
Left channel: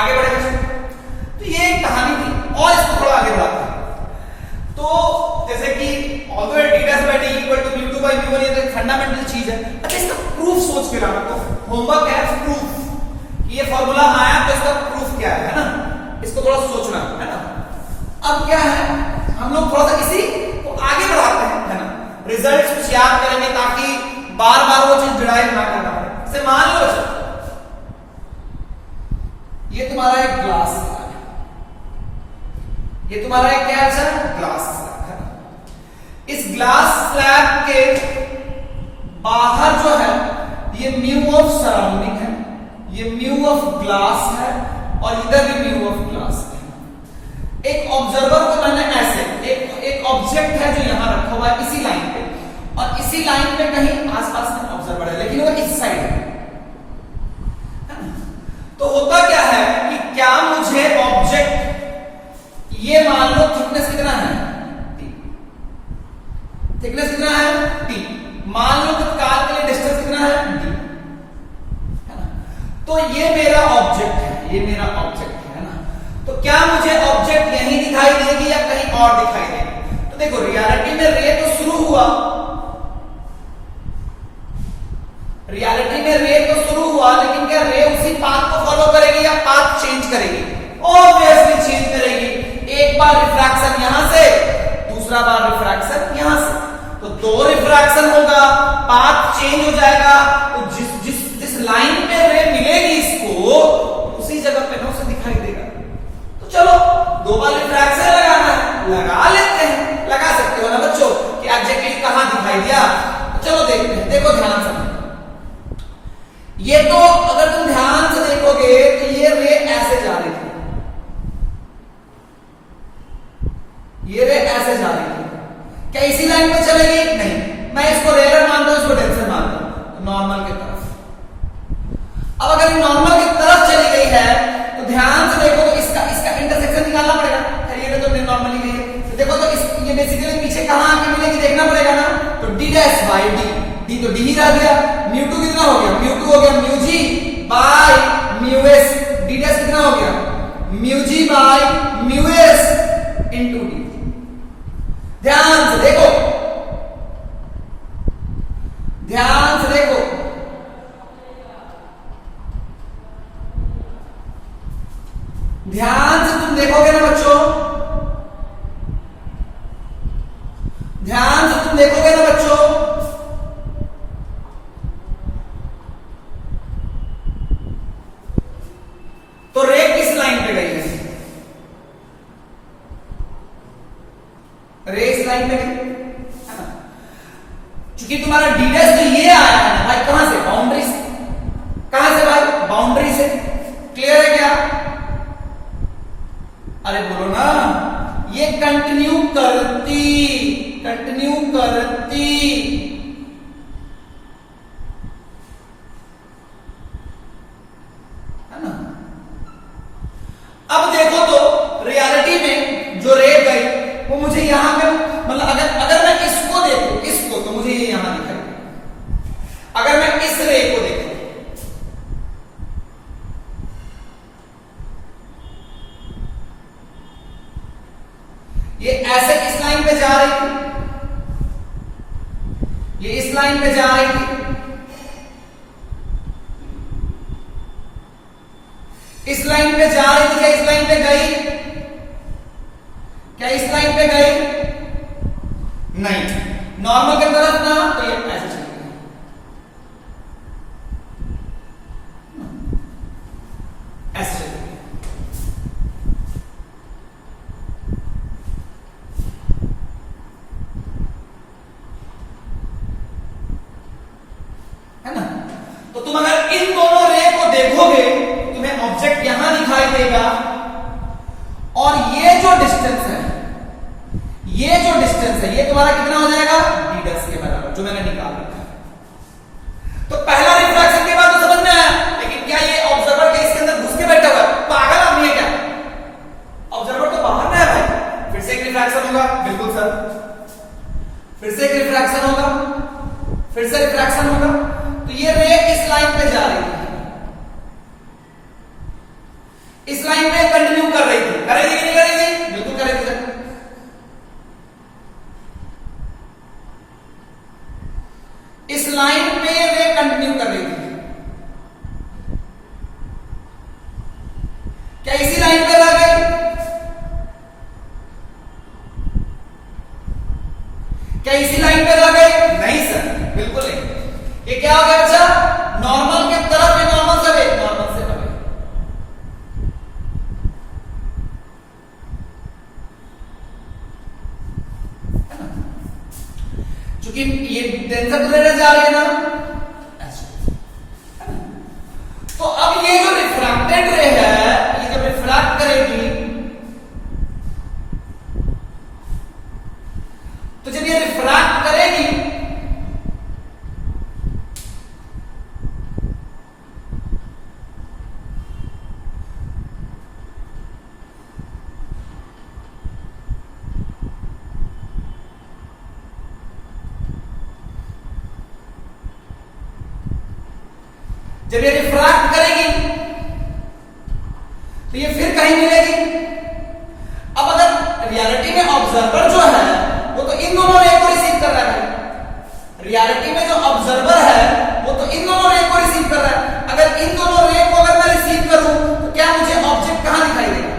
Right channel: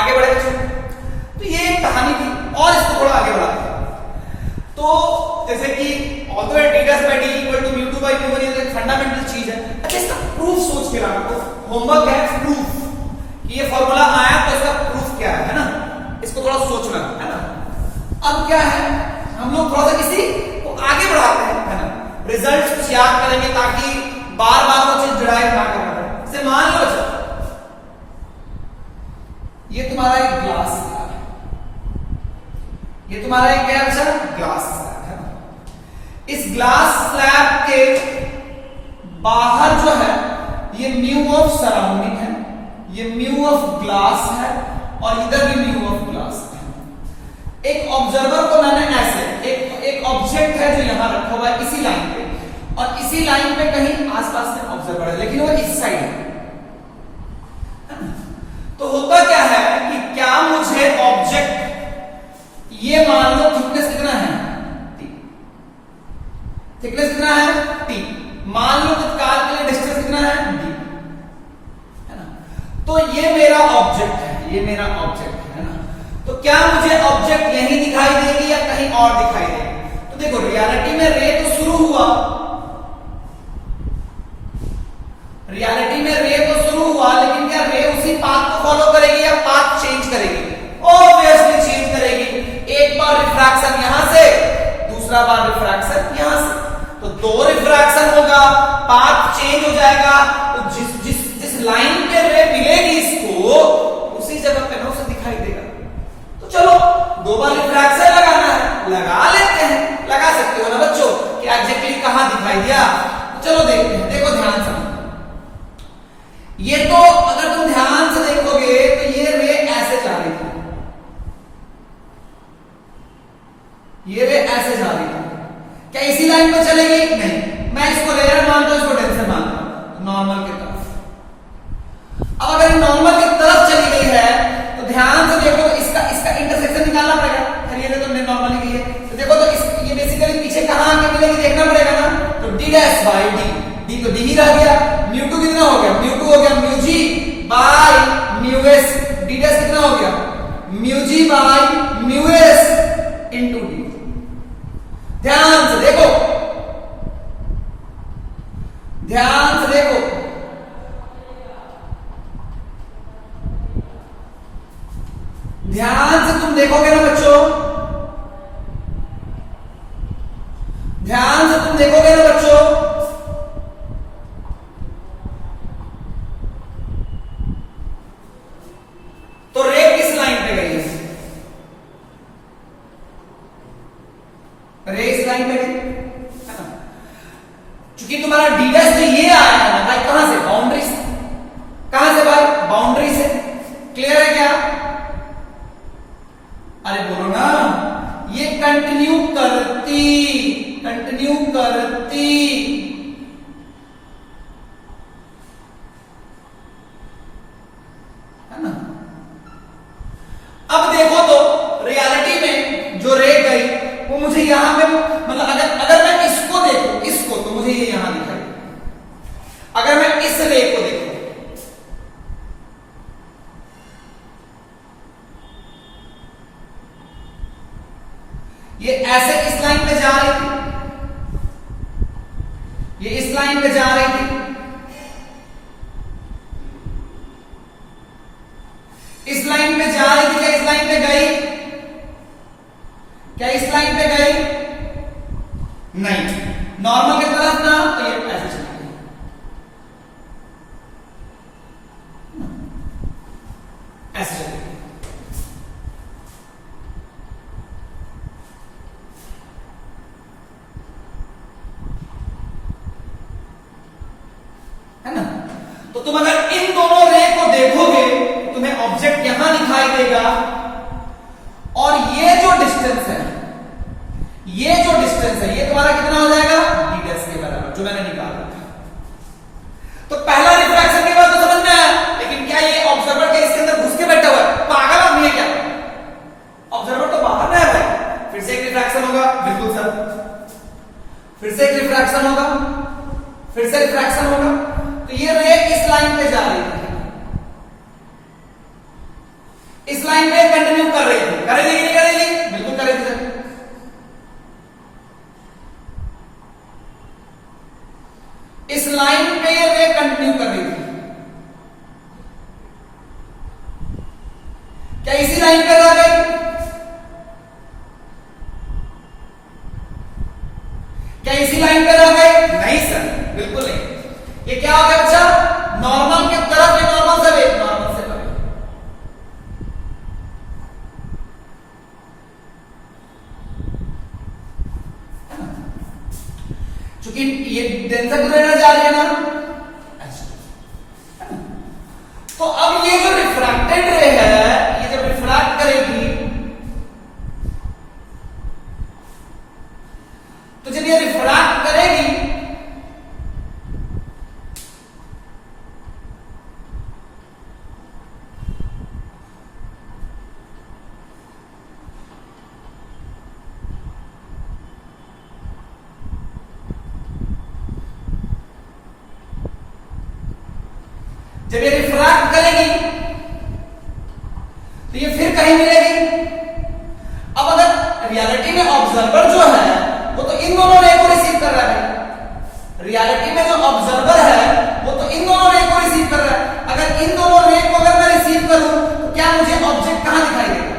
आगे बढ़े बच्चों, तो ये एक कहानी थी और इसको थोड़ा आगे बढ़ाते हैं। तो जैसे कि although d dash by d equal to mu2 by mu1 ये तो एक फंडामेंटल चीज है। अच्छा इसका प्रूफ सोच के लाना, तो होमवर्क है प्रूफ, ये फॉर्मूला आया तो इसका प्रूफ क्या है ना, इसको थोड़ा सोचना है ना। अब क्या है, हम लोग थोड़ा सा किसी को आगे बढ़ाते हैं है ना, रिजल्ट कुछ याद करेंगे ताकि बार बार वो चीज डिराइव ना करना पड़े। जैसे मान लो ये तुम्हारा एक ग्लास स्लैब है, ये तुम्हारा एक क्या है, ग्लास स्लैब है। इस ग्लास स्लैब के बाहर जो है ये म्यू ऑफ सराउंडिंग है, ये म्यू ऑफ ग्लास है और इधर भी म्यू ऑफ ग्लास है। एक ऑब्जर्वर को मैंने ऐसे एक ऑब्जेक्ट है जो यहां रखा हुआ है इसी लाइन पे, और इसी लाइन पे कहीं आसपास में ऑब्जर्वर है लेकिन वो इस साइड है। तो होता क्या है कि क्या मुझे ऑब्जेक्ट ये मान लो थिकनेस कितना है t, थिकनेस कितना है t, मान लो तत्काल के लिए डिस्टेंस कितना है d, है ना। तो ये मेरा ऑब्जेक्ट है, ये मेरा ऑब्जेक्ट है ना। तो क्या मुझे ऑब्जेक्ट यहीं दिखाई देगी या कहीं और दिखाई देगी, तो देखो रियलिटी में रे तो शुरू हुआ, रियलिटी में रे तो शुरू हुआ, लेकिन क्या रे उसी पाथ को फॉलो करेगी या पाथ चेंज करेगी, ऑब्वियसली चेंज करेगी। एक बार रिफ्रैक्शन यहां से, दूसरा बार रिफ्रैक्शन यहां से, तो 2 रिफ्रैक्शन होगा, पाथ चेंज हो जाएगा। तो जिस लाइन पे रे मिलेगी इसको उसी जगह पे उसे दिखाई देगा। तो चलो 2 बार रिफ्रैक्शन लगाना है, लगा लेते हैं, लगा सकते हो ना बच्चों कि एग्जैक्टली कहां दिखाई दिया। तो चलो देखते हैं, देखो ध्यान से, ये तो अगर तुम ध्यान से देखोगे तो ये रे ऐसे जा रही थी, डैश बाय डी, डी तो डी ही रह गया, म्यू टू कितना हो गया, म्यू टू हो गया mu G by mu S, D dash कितना हो गया mu G by mu S into D. ध्यान से देखो, ध्यान से देखो, ध्यान से तुम देखोगे ना बच्चों, ध्यान से तुम देखोगे ना बच्चों, तो रे किस लाइन पे गई है, रे इस लाइन पे गई, क्योंकि तुम्हारा डी डैश तो ये आया है ना भाई, कहां से, बाउंड्री से, कहां से भाई, बाउंड्री से। क्लियर है क्या, अरे बोलो ना, ये कंटिन्यू करती, कंटिन्यू करती, है ना। अब देखो तो रियलिटी में जो रे गई वो मुझे यहां पे, मतलब अगर मैं इसको देखूं, इसको, तो मुझे ये यहां दिखाई, अगर मैं इस रे को देखूं, ये ऐसे इस लाइन पे जा रही थी, ये इस लाइन पे जा रही थी, इस लाइन पे जा रही थी, क्या इस लाइन पे गई, क्या इस लाइन पे गई, नहीं, नॉर्मल की तरफ ना, तो ये ऐसे चली गई, ऐसे चली गई। है ना, तो तुम अगर इन दोनों रे को देखोगे, तुम्हें ऑब्जेक्ट यहां दिखाई देगा, और ये जो डिस्टेंस है, ये जो डिस्टेंस है, ये तुम्हारा कितना हो जाएगा, डी डैश के बराबर, जो मैंने निकाला था। तो पहला रिफ्रैक्शन के बाद तो समझ में आया, लेकिन क्या ये ऑब्जर्वर के इसके अंदर घुस के बैठा हुआ है, पागल आदमी है क्या, ऑब्जर्वर तो बाहर में है, फिर से एक रिफ्रैक्शन होगा, बिल्कुल सर, फिर से एक रिफ्रैक्शन होगा, फिर से रिफ्रैक्शन होगा, तो ये रे इस लाइन पे जा रही थी, इस लाइन पे कंटिन्यू कर रही थी, कर रही थी कि नहीं कर रही थी, बिल्कुल कर रही थी। इस लाइन पे रे कंटिन्यू कर रही थी, क्या इसी लाइन पे रह गई, क्या इसी लाइन पे रह गई, नहीं सर, बिल्कुल नहीं। ये क्या हो गया बच्चा, नॉर्मल की तरफ, ये नॉर्मल से परे, नॉर्मल से परे, क्योंकि ये टेंशन लेने जा रही है ना, तो अब ये जो रिफ्रैक्टेड रे है, ये जब रिफ्रैक्ट करेगी, तो जब ये रिफ्रैक्ट करेगी, जब ये रिफ्रैक्ट करेगी, तो ये फिर कहीं मिलेगी। अब अगर रियलिटी में ऑब्जर्वर जो है वो तो इन दोनों रे को रिसीव कर रहा है, रियलिटी में जो ऑब्जर्वर है वो तो इन दोनों रे को रिसीव कर रहा है। अगर इन दोनों रे को अगर मैं रिसीव करूं, तो क्या मुझे ऑब्जेक्ट कहां दिखाई देगा,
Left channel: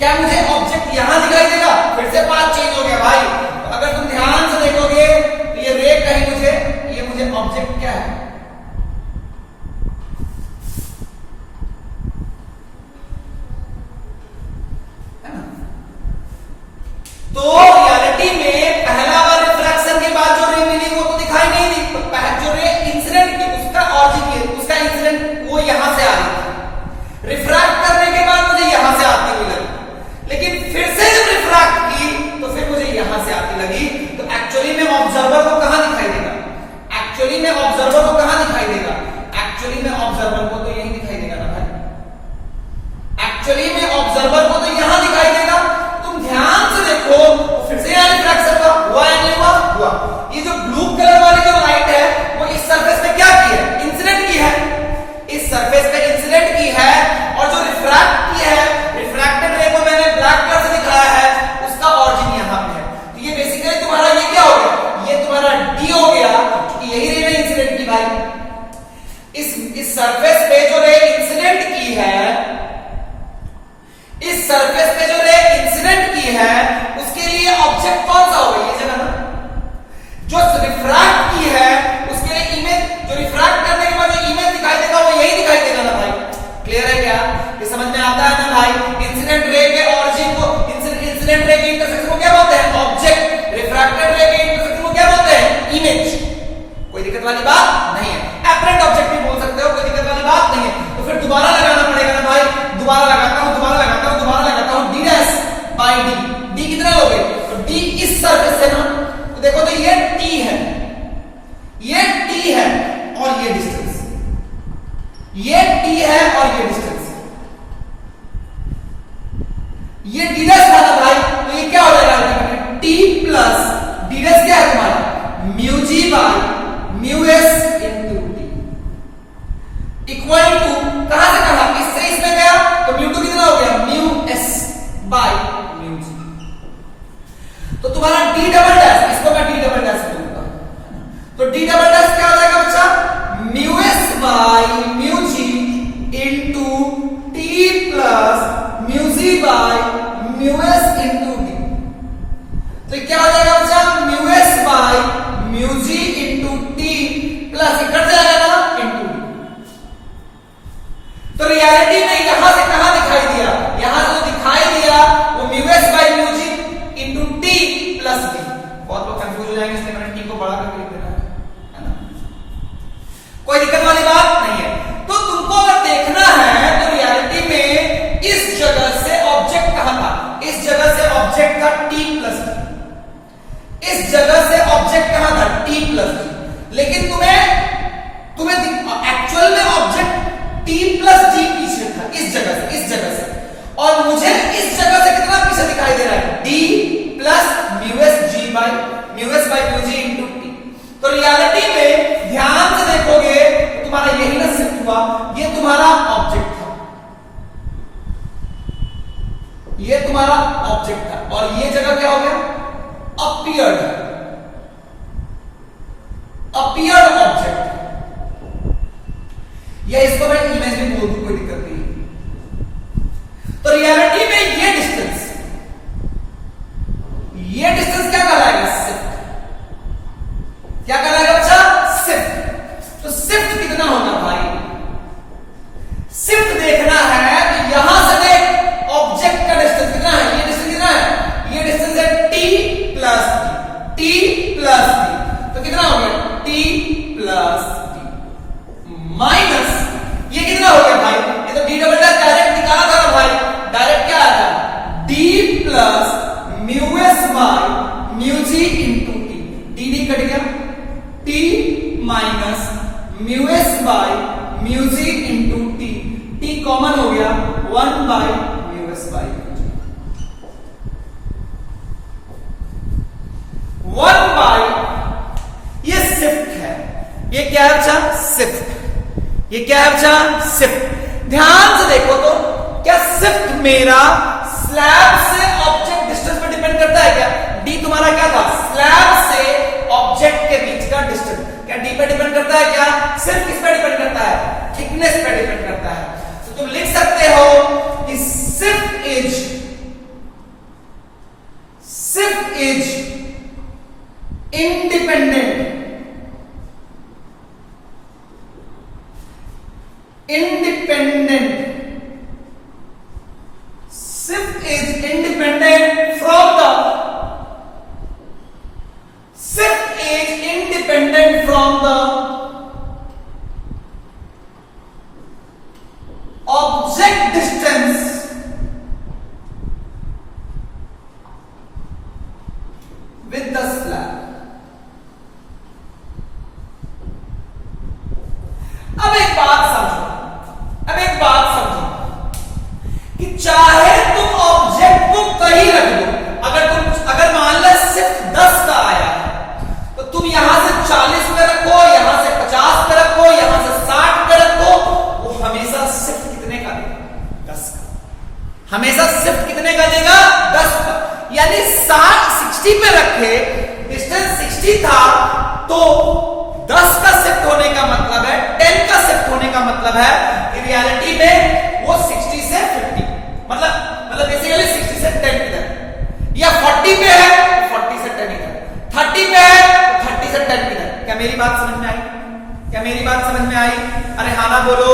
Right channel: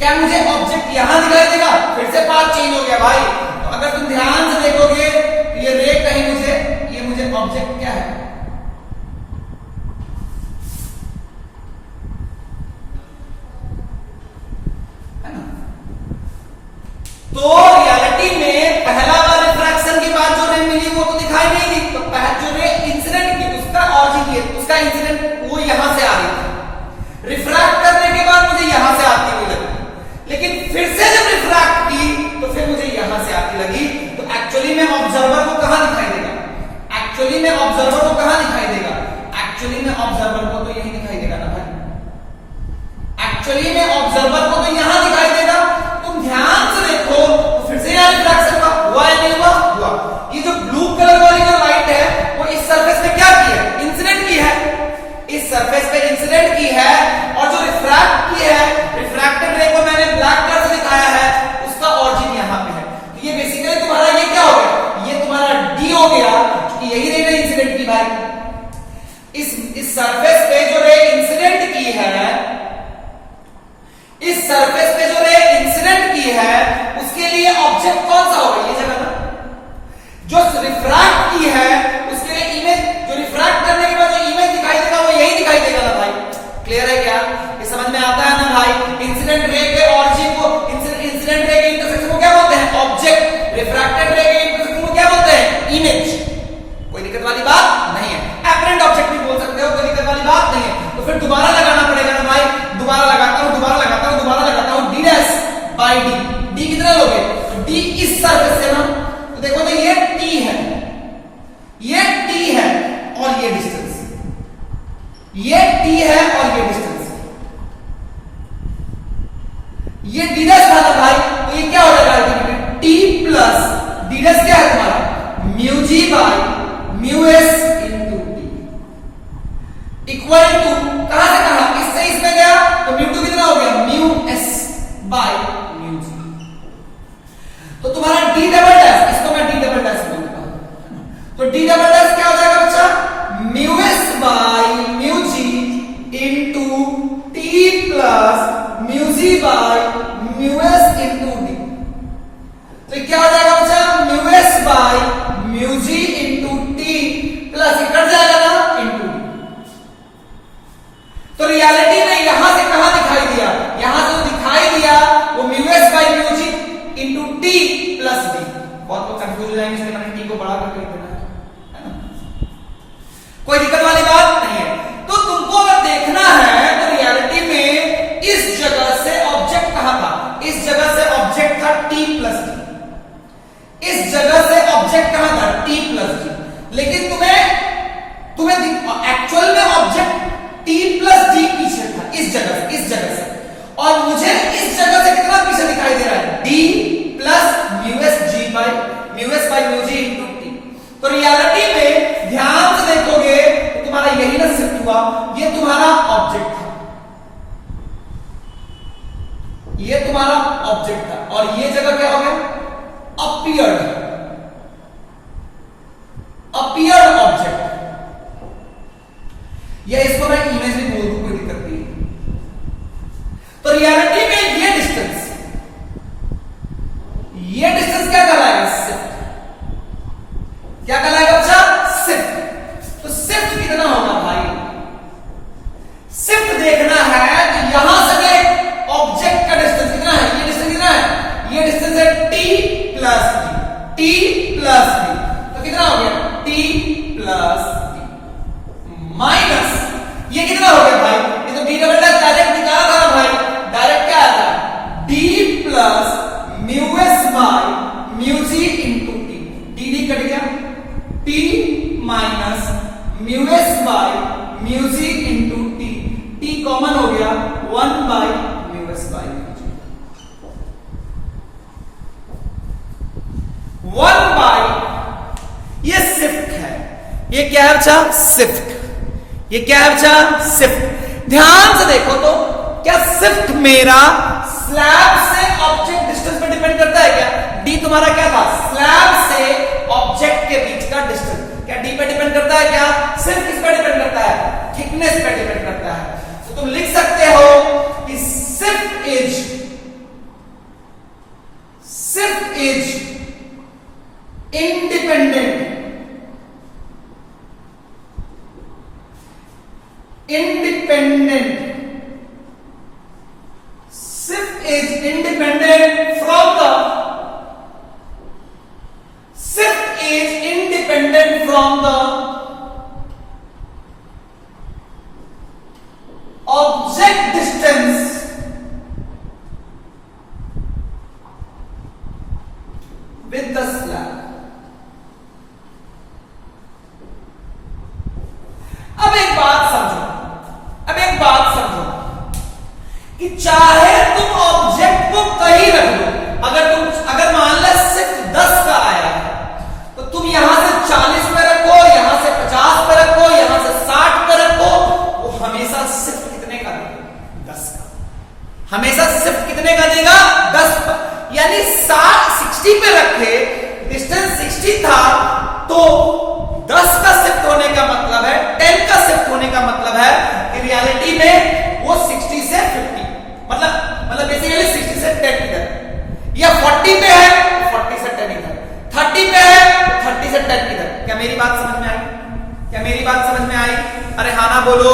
क्या मुझे ऑब्जेक्ट यहां दिखाई देगा, फिर से पाथ चेंज हो गया भाई। तो अगर तुम ध्यान से देखोगे तो ये रे कहीं मुझे, ये मुझे ऑब्जेक्ट क्या है, तो रियलिटी में पहला वाला रिफ्रैक्शन के बाद जो रे मिली वो तो दिखाई नहीं दी, तो जो रे इंसिडेंट की, उसका ऑरिजिन, उसका इंसिडेंट वो यहां से आ रही थी, रिफ्रैक्ट करने के बाद मुझे यहां से आती हुई लगी, लेकिन फिर से जब रिफ्रैक्ट की तो फिर मुझे यहां से आती लगी। तो एक्चुअली में ऑब्जर्वर को कहां दिखाई देगा, एक्चुअली में ऑब्जर्वर को कहां दिखाई देगा, एक्चुअली में ऑब्जर्वर को तो यही दिखाई देगा ना भाई, एक्चुअली में ऑब्जर्वर को तो यहां दिखाई देगा। तुम ध्यान से देखो, फिर से यहां रिफ्रैक्शन हुआ या नहीं हुआ, हुआ। ये जो ब्लू कलर वाली जो लाइट है वो इस सरफेस पे क्या की है, इंसिडेंट की है, इस सरफेस पे इंसिडेंट की है, और जो रिफ्रैक्ट की है, रिफ्रैक्टेड रे को मैंने ब्लैक कलर से दिखाया है, उसका ऑरिजिन यहां पे है। तो ये बेसिकली तुम्हारा ये क्या हो गया, ये तुम्हारा डी हो गया, क्योंकि यही रे ने इंसिडेंट की भाई। इस सरफेस पे जो रे इंसिडेंट की है, इस सरफेस पे जो रे इंसिडेंट की है, उसके लिए ऑब्जेक्ट कौन सा होगा, ये जगह ना, जो रिफ्रैक्ट की है उसके लिए इमेज, जो रिफ्रैक्ट करने के बाद जो इमेज दिखाई देगा वो यही दिखाई देगा ना भाई। क्लियर है क्या, ये समझ में आता है ना भाई। इंसिडेंट रे के ऑरिजिन को, इंसिडेंट रे के इंटरसेक्शन को क्या बोलते हैं, ऑब्जेक्ट। रिफ्रैक्टेड रे के इंटरसेक्शन को क्या बोलते हैं, इमेज। कोई दिक्कत वाली बात नहीं है, एपरेंट ऑब्जेक्ट भी बोल सकते हो, कोई दिक्कत वाली बात नहीं है। तो फिर दोबारा लगाना पड़ेगा ना भाई, दोबारा लगाता हूं, दोबारा लगाता हूं, दोबारा लगाता हूं, D dash by D. D कितने हो गए, तो डी इस सरफेस से ना, तो देखो तो ये टी है, ये टी है और ये डिस्टेंस, ये टी है और ये डिस्टेंस, ये डी डैश था भाई, तो ये क्या हो जाएगा ultimately, T plus D dash क्या है तुम्हारा, mu G by mu S into T, equal to कहां से कहां, इससे इसमें गया तो म्यू टू कितना हो गया, म्यू एस बाय म्यू जी। तो तुम्हारा डी डबल डैश, इसको मैं डी डबल डैश बोलता हूं, तो डी डबल डैश क्या हो जाएगा बच्चा, mu S by mu G into T plus mu G by mu S into D. तो क्या हो जाएगा बच्चा, mu S by mu G into T plus cut जाएगा ना इनटू डी। तो रियलिटी में यहां से कहां दिखाई दिया, यहां से दिखाई दिया वो mu S by mu G into T plus D. बहुत लोग कंफ्यूज हो जाएंगे, इसलिए मैंने टी को बड़ा करके लिख देना है ना, कोई दिक्कत वाली बात नहीं है। तो तुमको अगर देखना है तो रियलिटी में इस जगह से ऑब्जेक्ट कहां था, इस जगह से ऑब्जेक्ट था टी प्लस डी, इस जगह से ऑब्जेक्ट कहां था, टी प्लस डी। लेकिन तुम्हें एक्चुअल में ऑब्जेक्ट टी प्लस डी पीछे था, इस जगह से, और मुझे इस जगह से कितना पीछे दिखाई दे रहा है, D plus mu S G by mu S by mu G into T. तो रियलिटी में ध्यान से देखोगे तो तुम्हारा यही ना सिद्ध हुआ, ये तुम्हारा ऑब्जेक्ट था, ये तुम्हारा ऑब्जेक्ट था, और ये जगह क्या हो गया, अपीयर्ड ऑब्जेक्ट, या इसको मैं इमेज भी बोल दूं, कोई दिक्कत नहीं। तो रियलिटी में ये डिस्टेंस क्या कहलाएगा, शिफ्ट। क्या कहलाएगा बच्चा, शिफ्ट। तो शिफ्ट कितना होगा भाई, शिफ्ट देखना है कि यहां से ऑब्जेक्ट का डिस्टेंस कितना है, ये डिस्टेंस कितना है, ये डिस्टेंस है T plus D, T plus D, तो कितना हो गया, टी प्लस डी माइनस ये कितना हो गया भाई, ये तो डी डबल डैश डायरेक्ट निकाला था ना भाई, डायरेक्ट क्या आता, D plus mu S by mu G into T, D cut गया, T minus mu S by mu G into T, T common हो गया 1 by mu S by mu G, 1 by, ये शिफ्ट है, ये क्या है अच्छा, शिफ्ट, ये क्या है अच्छा, शिफ्ट। ध्यान से देखो तो क्या शिफ्ट मेरा स्लैब से ऑब्जेक्ट डिस्टेंस पर डिपेंड करता है क्या, डी तुम्हारा क्या था, स्लैब से ऑब्जेक्ट के बीच का डिस्टेंस, क्या डी पे डिपेंड करता है क्या, सिर्फ किस पे डिपेंड करता है, थिकनेस पे डिपेंड करता है। तो तुम लिख सकते हो कि shift is independent shift is independent from the object distance with the slab. अब एक बात समझो कि चाहे तुम ऑब्जेक्ट को कहीं रख लो, अगर मान लो शिफ्ट 10 का आया तो तुम यहां हमेशा शिफ्ट कितने का देगा? 10 का। यानी 60 पे रखे, डिस्टेंस 60 था, तो 10 का शिफ्ट होने का मतलब है, 10 का शिफ्ट होने का मतलब है कि रियलिटी में वो 60 से 50, मतलब बेसिकली 60 से 10 इधर, या 40 पे है तो 40 से 10 इधर, 30 पे है तो 30 से 10 इधर। क्या मेरी बात समझ में आई? क्या मेरी बात समझ में आई? अरे हाँ ना बोलो,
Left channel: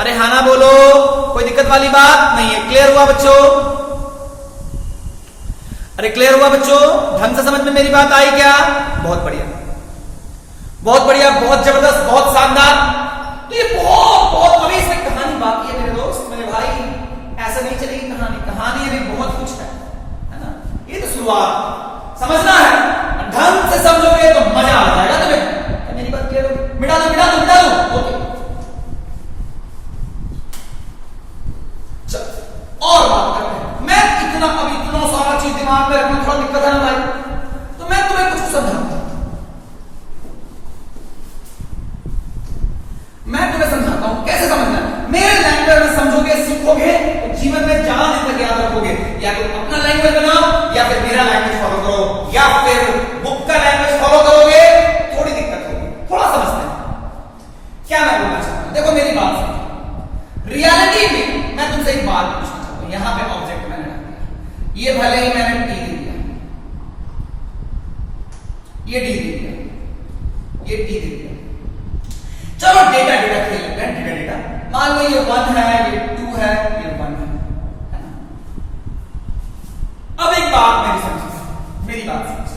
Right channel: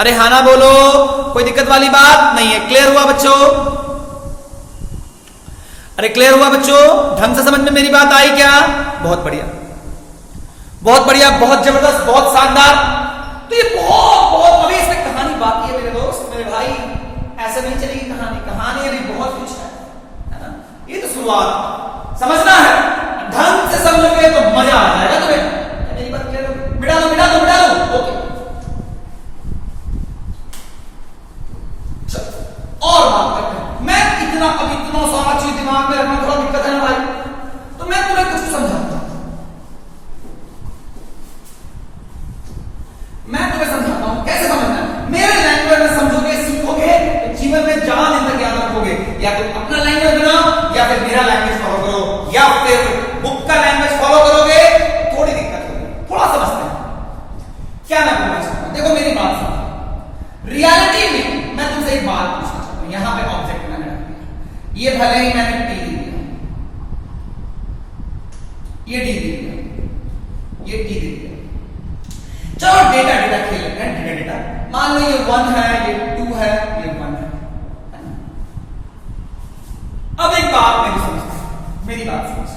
अरे हाँ ना बोलो, कोई दिक्कत वाली बात नहीं है। क्लियर हुआ बच्चों? अरे क्लियर हुआ बच्चों? ढंग से समझ में मेरी बात आई क्या? बहुत बढ़िया, बहुत बढ़िया, बहुत जबरदस्त, बहुत शानदार। तो ये बहुत अभी इसमें कहानी बाकी है मेरे दोस्त, मेरे भाई, ऐसा नहीं चलेगी कहानी। कहानी अभी बहुत कुछ है ना? ये तो शुरुआत, समझना है, ढंग से समझोगे तो मजा आ जाएगा तुम्हें। मेरी बात क्लियर होगी? मिटा दो मिटा दो मिटा दो, ओके। और बात करते हैं। मैं इतना सारा चीज दिमाग में रखना थोड़ा दिक्कत है ना भाई, तो मैं तुम्हें कुछ समझाऊंगा, मैं तुम्हें समझाता हूं कैसे समझना है। मेरे लैंग्वेज में समझोगे, सीखोगे, तो जीवन में जहां दिन तक याद रखोगे। या तो अपना लैंग्वेज बनाओ, या फिर मेरा लैंग्वेज फॉलो करो, या फिर बुक का लैंग्वेज फॉलो करोगे, थोड़ी दिक्कत होगी। थोड़ा समझते हैं क्या मैं बोलना चाहता हूं। देखो मेरी बात सुनो, रियलिटी में मैं तुमसे एक बात पूछना चाहता हूं। यहां पे ऑब्जेक्ट मैंने रख दिया, ये भले ही मैंने टी दे दिया, ये डी दे दिया, ये टी दे दिया। चलो डेटा खेल लेते हैं, डेटा मान लो ये 1 है, ये 2 है, ये 1 है। अब एक बात मेरी बात समझ,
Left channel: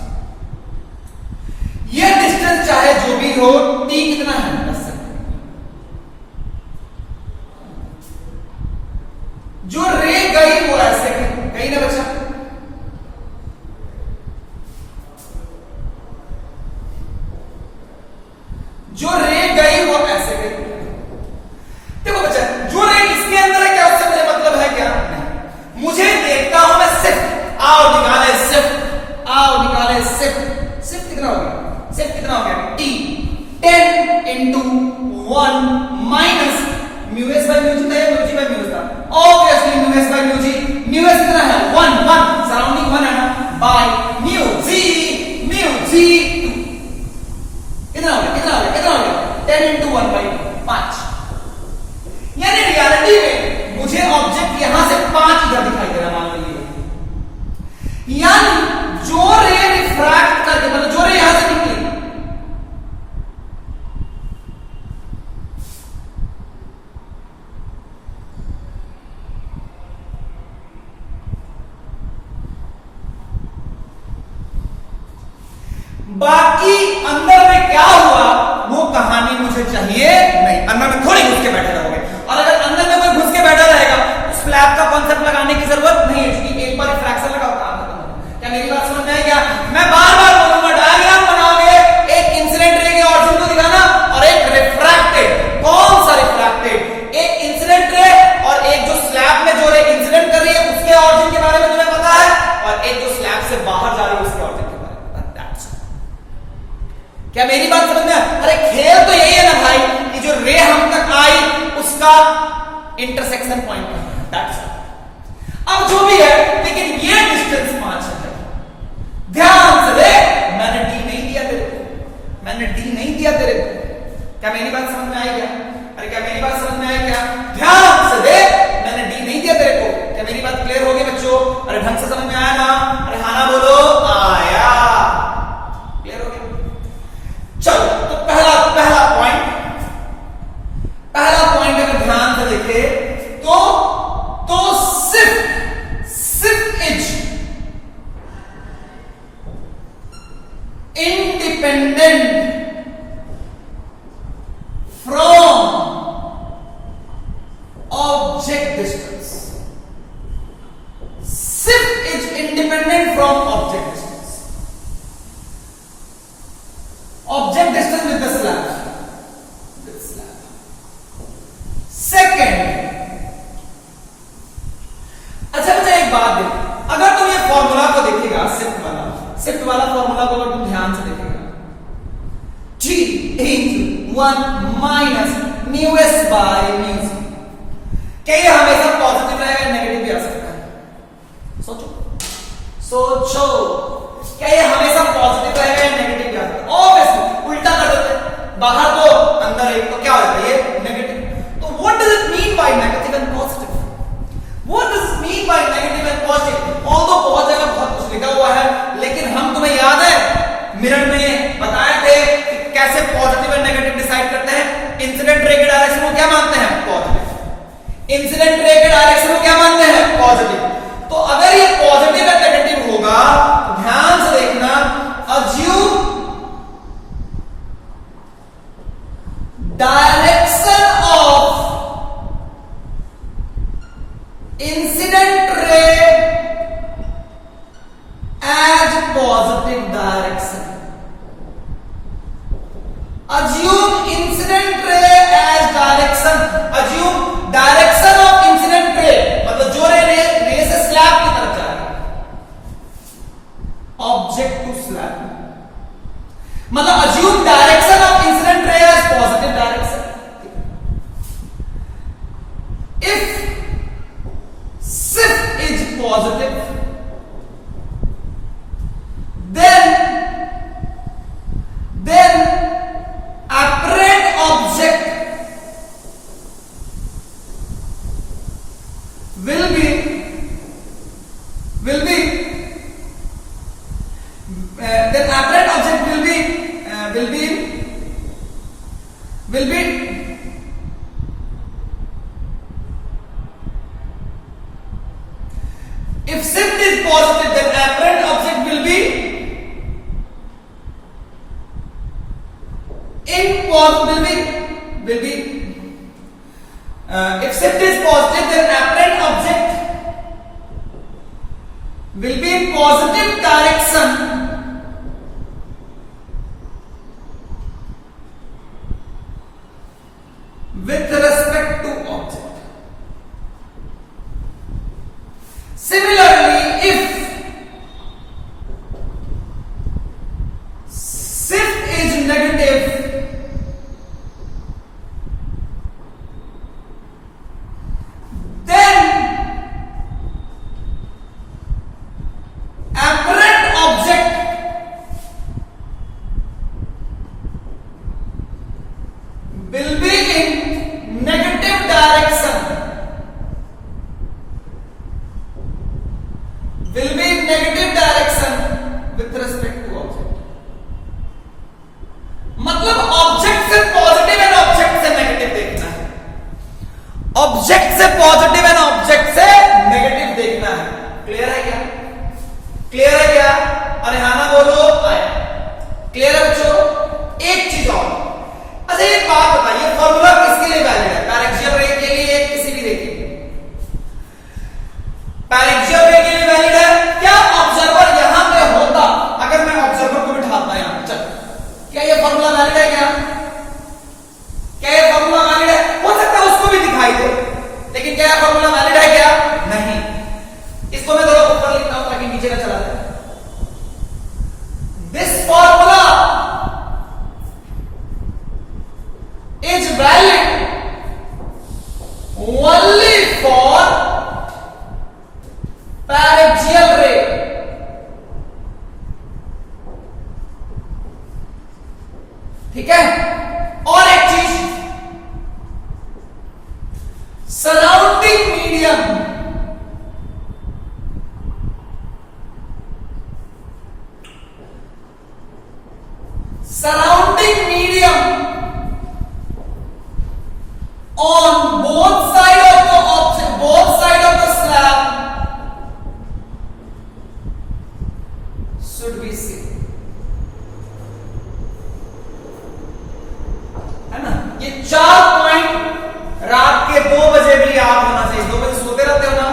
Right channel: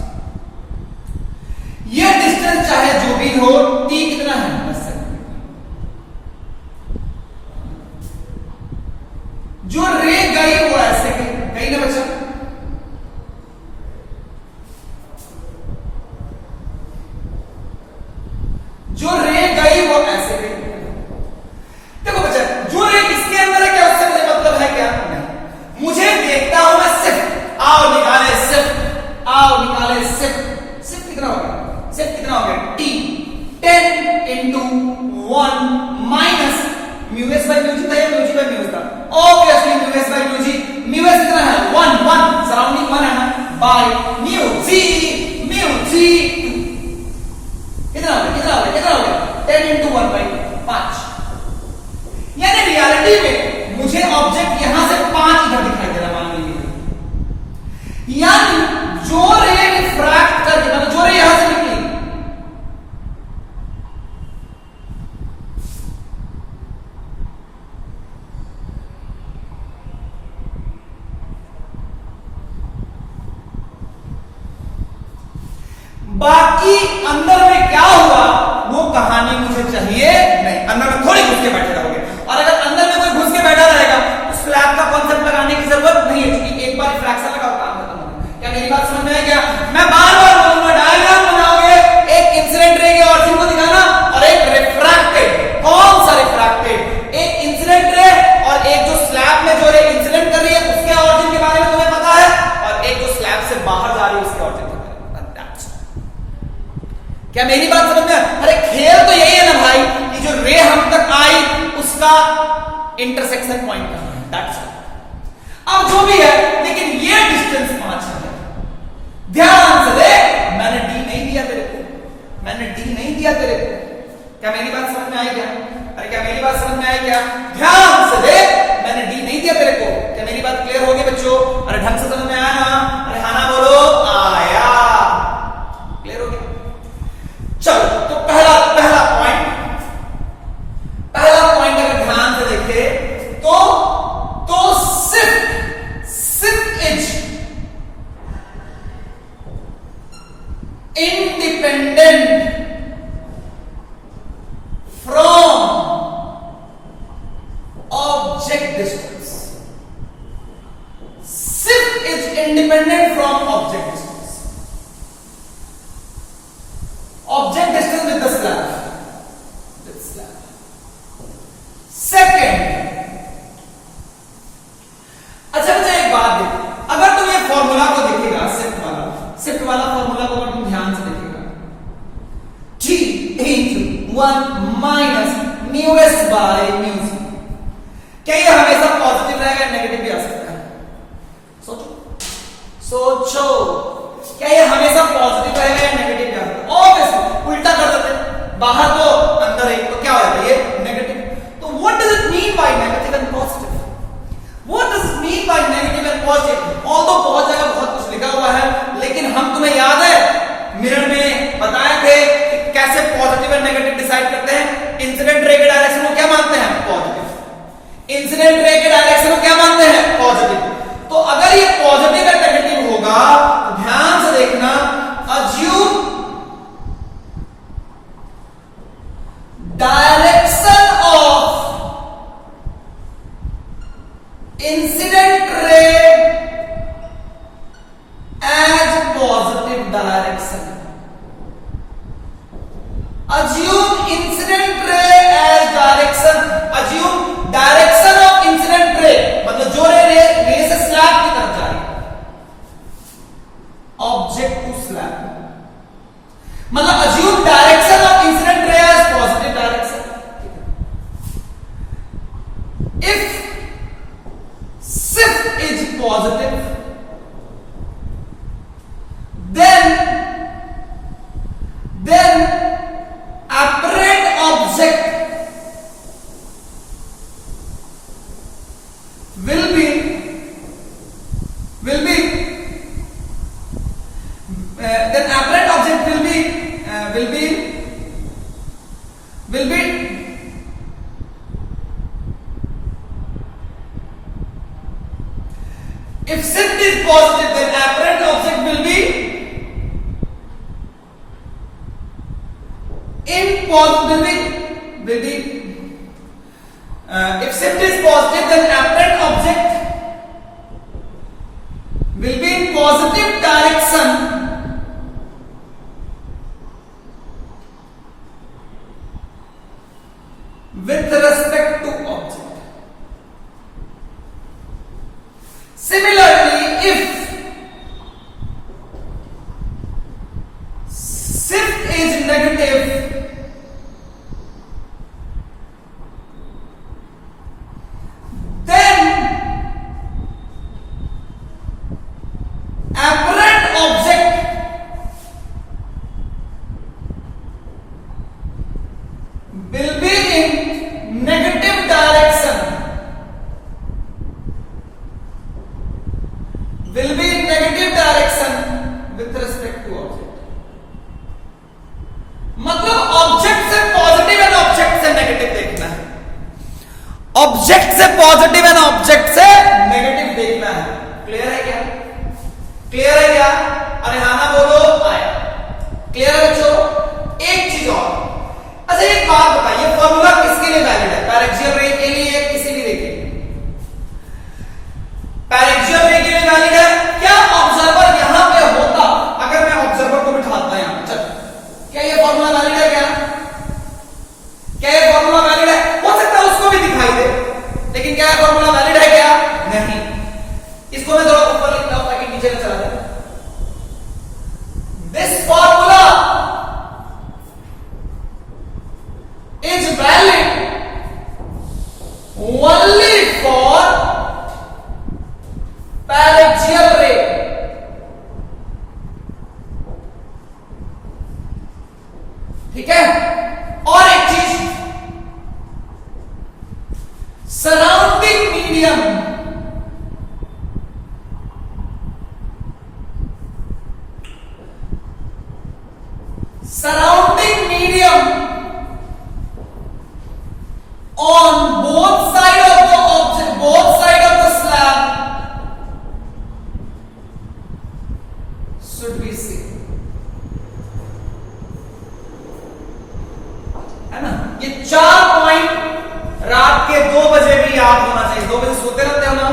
ये डिस्टेंस चाहे जो भी हो, टी कितना है? 10 सेकंड। जो रे गई वो ऐसे गई ना बच्चा, जो रे गई वो ऐसे गई। देखो बच्चा, जो रे किसके अंदर है क्या, उससे मुझे मतलब है क्या? नहीं, मुझे देखता हूं मैं सिर्फ, आओ निकाले सिर्फ, आओ निकाले सिर्फ। सिर्फ कितना हो गया? सिर्फ कितना हो गया? T 10 into 1 minus mu S by mu G था या म्यू जी बाई म्यू था? Obviously mu S by mu G. Mu S कितना है? 1 सराउंडिंग 1 है ना, बाय म्यू जी 2। कितना हो गया? 10 into 1 by 5। यानी रियलिटी में मुझे ऑब्जेक्ट यहां से 5 इधर दिखाई दे रहा, मान लीजिए। यानी जो रे रिफ्रैक्ट करके, मतलब जो रे यहां से निकली, बाकी अंदर में क्या हुआ वो कहानी मुझे चाहिए नहीं। अंदर में थोड़ी घुस के बैठे रहोगे, और अगर अंदर में कोई घुस के बैठा रहेगा तो स्लैब का कॉन्सेप्ट लगाने की जरूरत नहीं है, क्योंकि एक बार रिफ्रैक्शन लगाओ, काम खत्म हो गया। क्या मेरी बात समझ में आई क्या? मैं बार बार बोलूंगा, डायग्राम बनाओगे, एक इंसिडेंट रे के ऑरिजिन को दिखाना और एक रिफ्रैक्टेड। कौन सा रिफ्रैक्टेड? एक इंसिडेंट रे, और एक जो स्लैब में जो रे इंसिडेंट कर रही है उसके ऑरिजिन के बारे में तुम्हें पता है, और एक जो स्लैब से बाहर जा रही है उसके ऑरिजिन। क्या मेरी बात समझ में? अरे खेल तो यही है ना भाई, कि जो रे हम तक आई उसका इंटरसेक्शन पॉइंट है, दैट्स इट। अब जो भी है, लेकिन ये डिस्टेंस 5 है। ध्यान से देख, मैंने डी नहीं दिया तेरे को, मैंने डी नहीं दिया तेरे को। क्या मेरी बात समझ में आई क्या? अरे क्या मेरी बात समझ में आई क्या? ध्यान से देख, मैंने डी नहीं दिया तेरे को। क्या मेरी बात क्लियर होगी बच्चों? अरे ढंग से समझ में आया ना? अरे हाँ ना बोलो, आया। क्लियर हो गया? चलो, तो पहला पॉइंट अगर ध्यान से देखे तो सिर्फ is independent from object distance. सिर्फ is independent from object distance. Object distance with the slab. Second, अच्छा बच्चा एक बात देख, अगर तुम ये फॉर्मूला को देखेगा, शिफ्ट वाला फॉर्मूला को अगर तुम ध्यान से देखेगा, T into 1 minus mu S by mu G, क्या ये हमेशा पॉजिटिव रहेगा, नेगेटिव भी आ सोचो क्या ये हमेशा पॉजिटिव रहेगा या नेगेटिव रहेगा? ऑब्वियसली उल्टा कर देते, बाहर तो अंदर एक, तो क्या हो जाएगा ये नेगेटिव। तो what does it mean by negative and positive? What does it mean by negative and positive? Although बहुत जगह बहुत कुछ लिखा हुआ है, लेकिन हम तुम्हें याद है मिरर में बताए थे कि कैसे पॉजिटिव एंड नेगेटिव डिसाइड करते हैं। इंसिडेंट रे के डायरेक्शन को क्या मानते हैं? पॉजिटिव। इंसिडेंट रे के डायरेक्शन को क्या मानते हैं? पॉजिटिव। तो अगर ये पॉजिटिव या नेगेटिव होगा तो ध्यान से देखना, assume direction of incident ray as positive direction. Assume incident ray as direction. Assume direction of incident ray, मतलब जो रे से स्लैब की तरफ जा रही है, ऑब्जेक्ट टू स्लैब, मतलब assume direction of incident ray as positive direction. If shift is positive, then apparent object will be then apparent object will be if shift is positive, then apparent object will be if shift is positive, then apparent object will be in positive direction with respect to object. Similarly, if shift is negative, will be in negative direction, with respect to object. मतलब object से positive and object से negative देखना है, object से positive and object से negative देखना है। Clear है क्या? क्लियर है क्या? अरे हाँ ना बोलो, आया। क्लियर है बच्चों? एक चीज और, अच्छा एक बात बताइए, फॉर्मूला किसके लिए वैलिड है? पैरेक्सियल रे के लिए, किसी भी रे के लिए? पैरेक्सियल रे के लिए वैलिड है। क्या ऑब्जर्वर यहां पे होता, अगर मैं ऑब्जर्वर को बिठाता यहां, चल, क्या ये फॉर्मूला वैलिड है? क्या ये फॉर्मूला वैलिड है? हो सकता है उसको भी दिखाई दे, लेकिन क्या फॉर्मूला वैलिड है? क्या नहीं। इसको मैं जरा ऊपर लिखता हूं ताकि नीचे ना चला जाए। This formula is valid only for paraxial ray. ठीक है? और एक चीज, surrounding medium on both side of the object, both side of the slab should be seen. है ना? ये 4 पॉइंट रात के 2 बजे भी याद होना चाहिए। 2 बजे सोते रहते हो ना?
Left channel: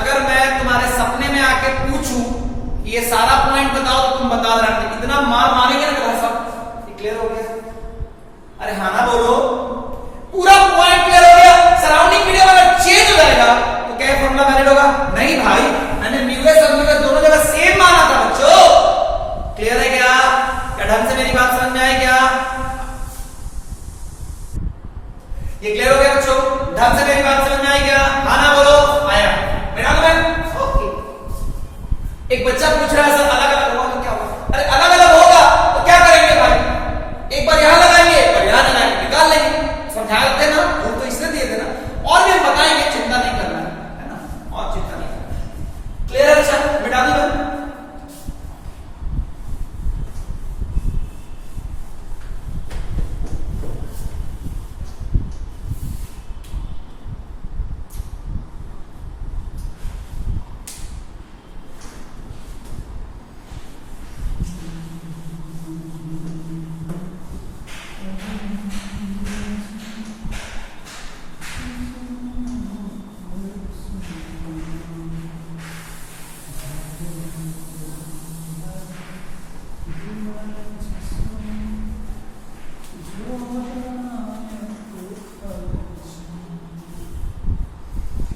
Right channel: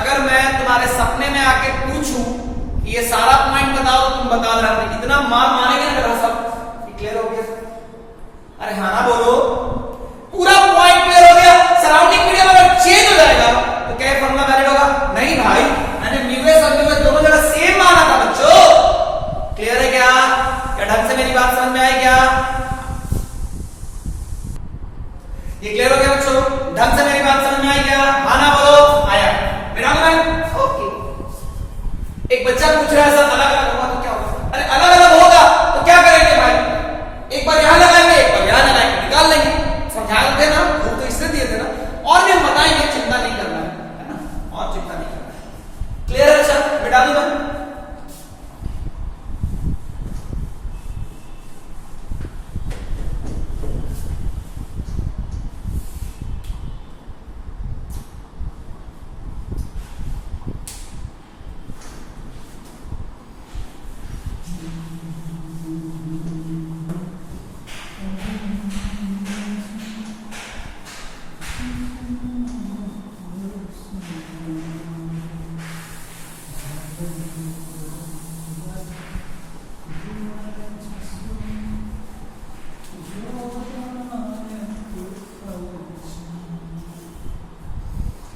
अगर मैं तुम्हारे सपने में आके पूछूं कि ये सारा पॉइंट बताओ तो तुम बता देना, इतना मार मारेंगे ना मेरा सब। क्लियर हो गया? अरे हाँ ना बोलो, पूरा पॉइंट क्लियर हो गया। सराउंडिंग मीडियम अगर चेंज हो जाएगा तो क्या फॉर्मूला वैलिड होगा? नहीं भाई, मैंने म्यूएस और म्यूएस दोनों जगह सेम माना था बच्चों। क्लियर है क्या? क्या ढंग से मेरी बात समझ में आई क्या? ये क्लियर हो गया बच्चों? ढंग से मेरी बात समझ में आई क्या? हाँ ना बोलो, आया। मेरा ओके। एक बच्चा पूछ रहा है सर अलग अलग होगा तो क्या होगा? अरे अलग अलग होगा तो क्या करेंगे भाई? एक बार यहां लगाएंगे, एक बार यहां लगाएंगे, निकाल लेंगे। समझाए थे ना, वो तो इसलिए दिए थे ना, और भी हम बताएंगे, चिंता नहीं करना है ना, और चिंता नहीं करना। क्लियर है बच्चा? मिटा दूंगा।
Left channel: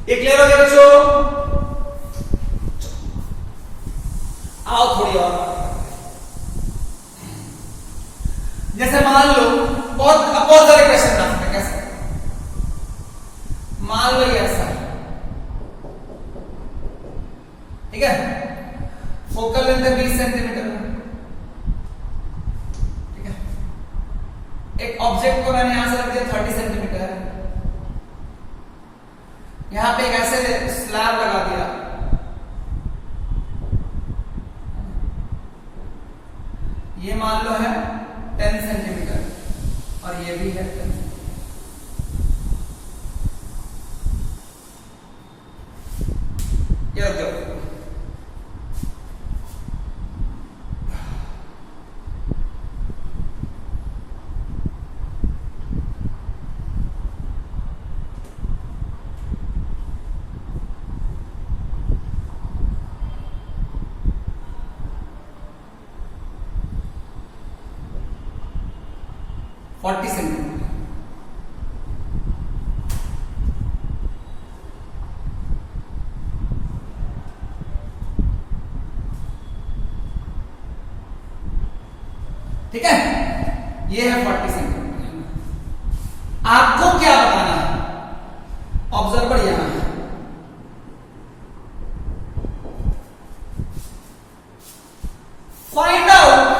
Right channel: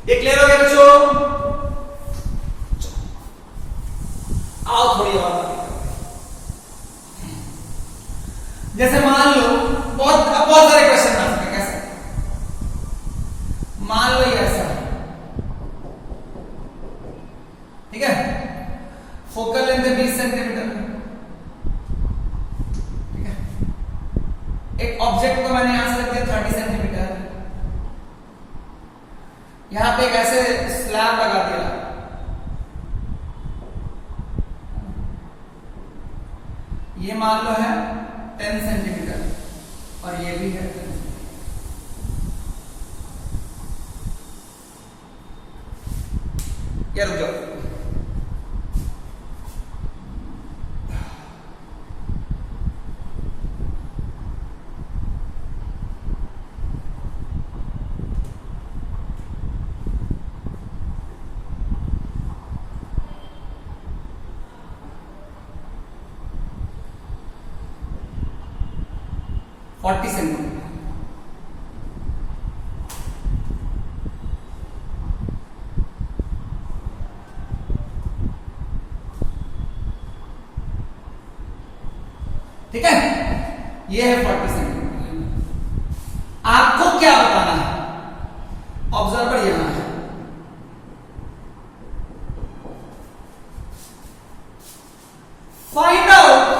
ये क्लियर हो गया बच्चों? आओ थोड़ी और बात करते हैं। जैसे मान लो बहुत सारे क्वेश्चन आ सकते हैं। कैसे? मान लो ये ऐसा है, ठीक है, फोकल लेंथ है 20 सेंटीमीटर, ठीक है, एक ऑब्जेक्ट को मैंने यहां से रख दिया 30 सेंटीमीटर, यहां पे एक ऐसे स्लैब लगा दिया, ये मान लो है 10 सेंटीमीटर और ये भी है 10। ये रुक जाओ, $40 सेंटीमीटर, ठीक है, ये है 40 सेंटीमीटर। आपको क्या बताना है? ऑब्जर्वर यहां है, find out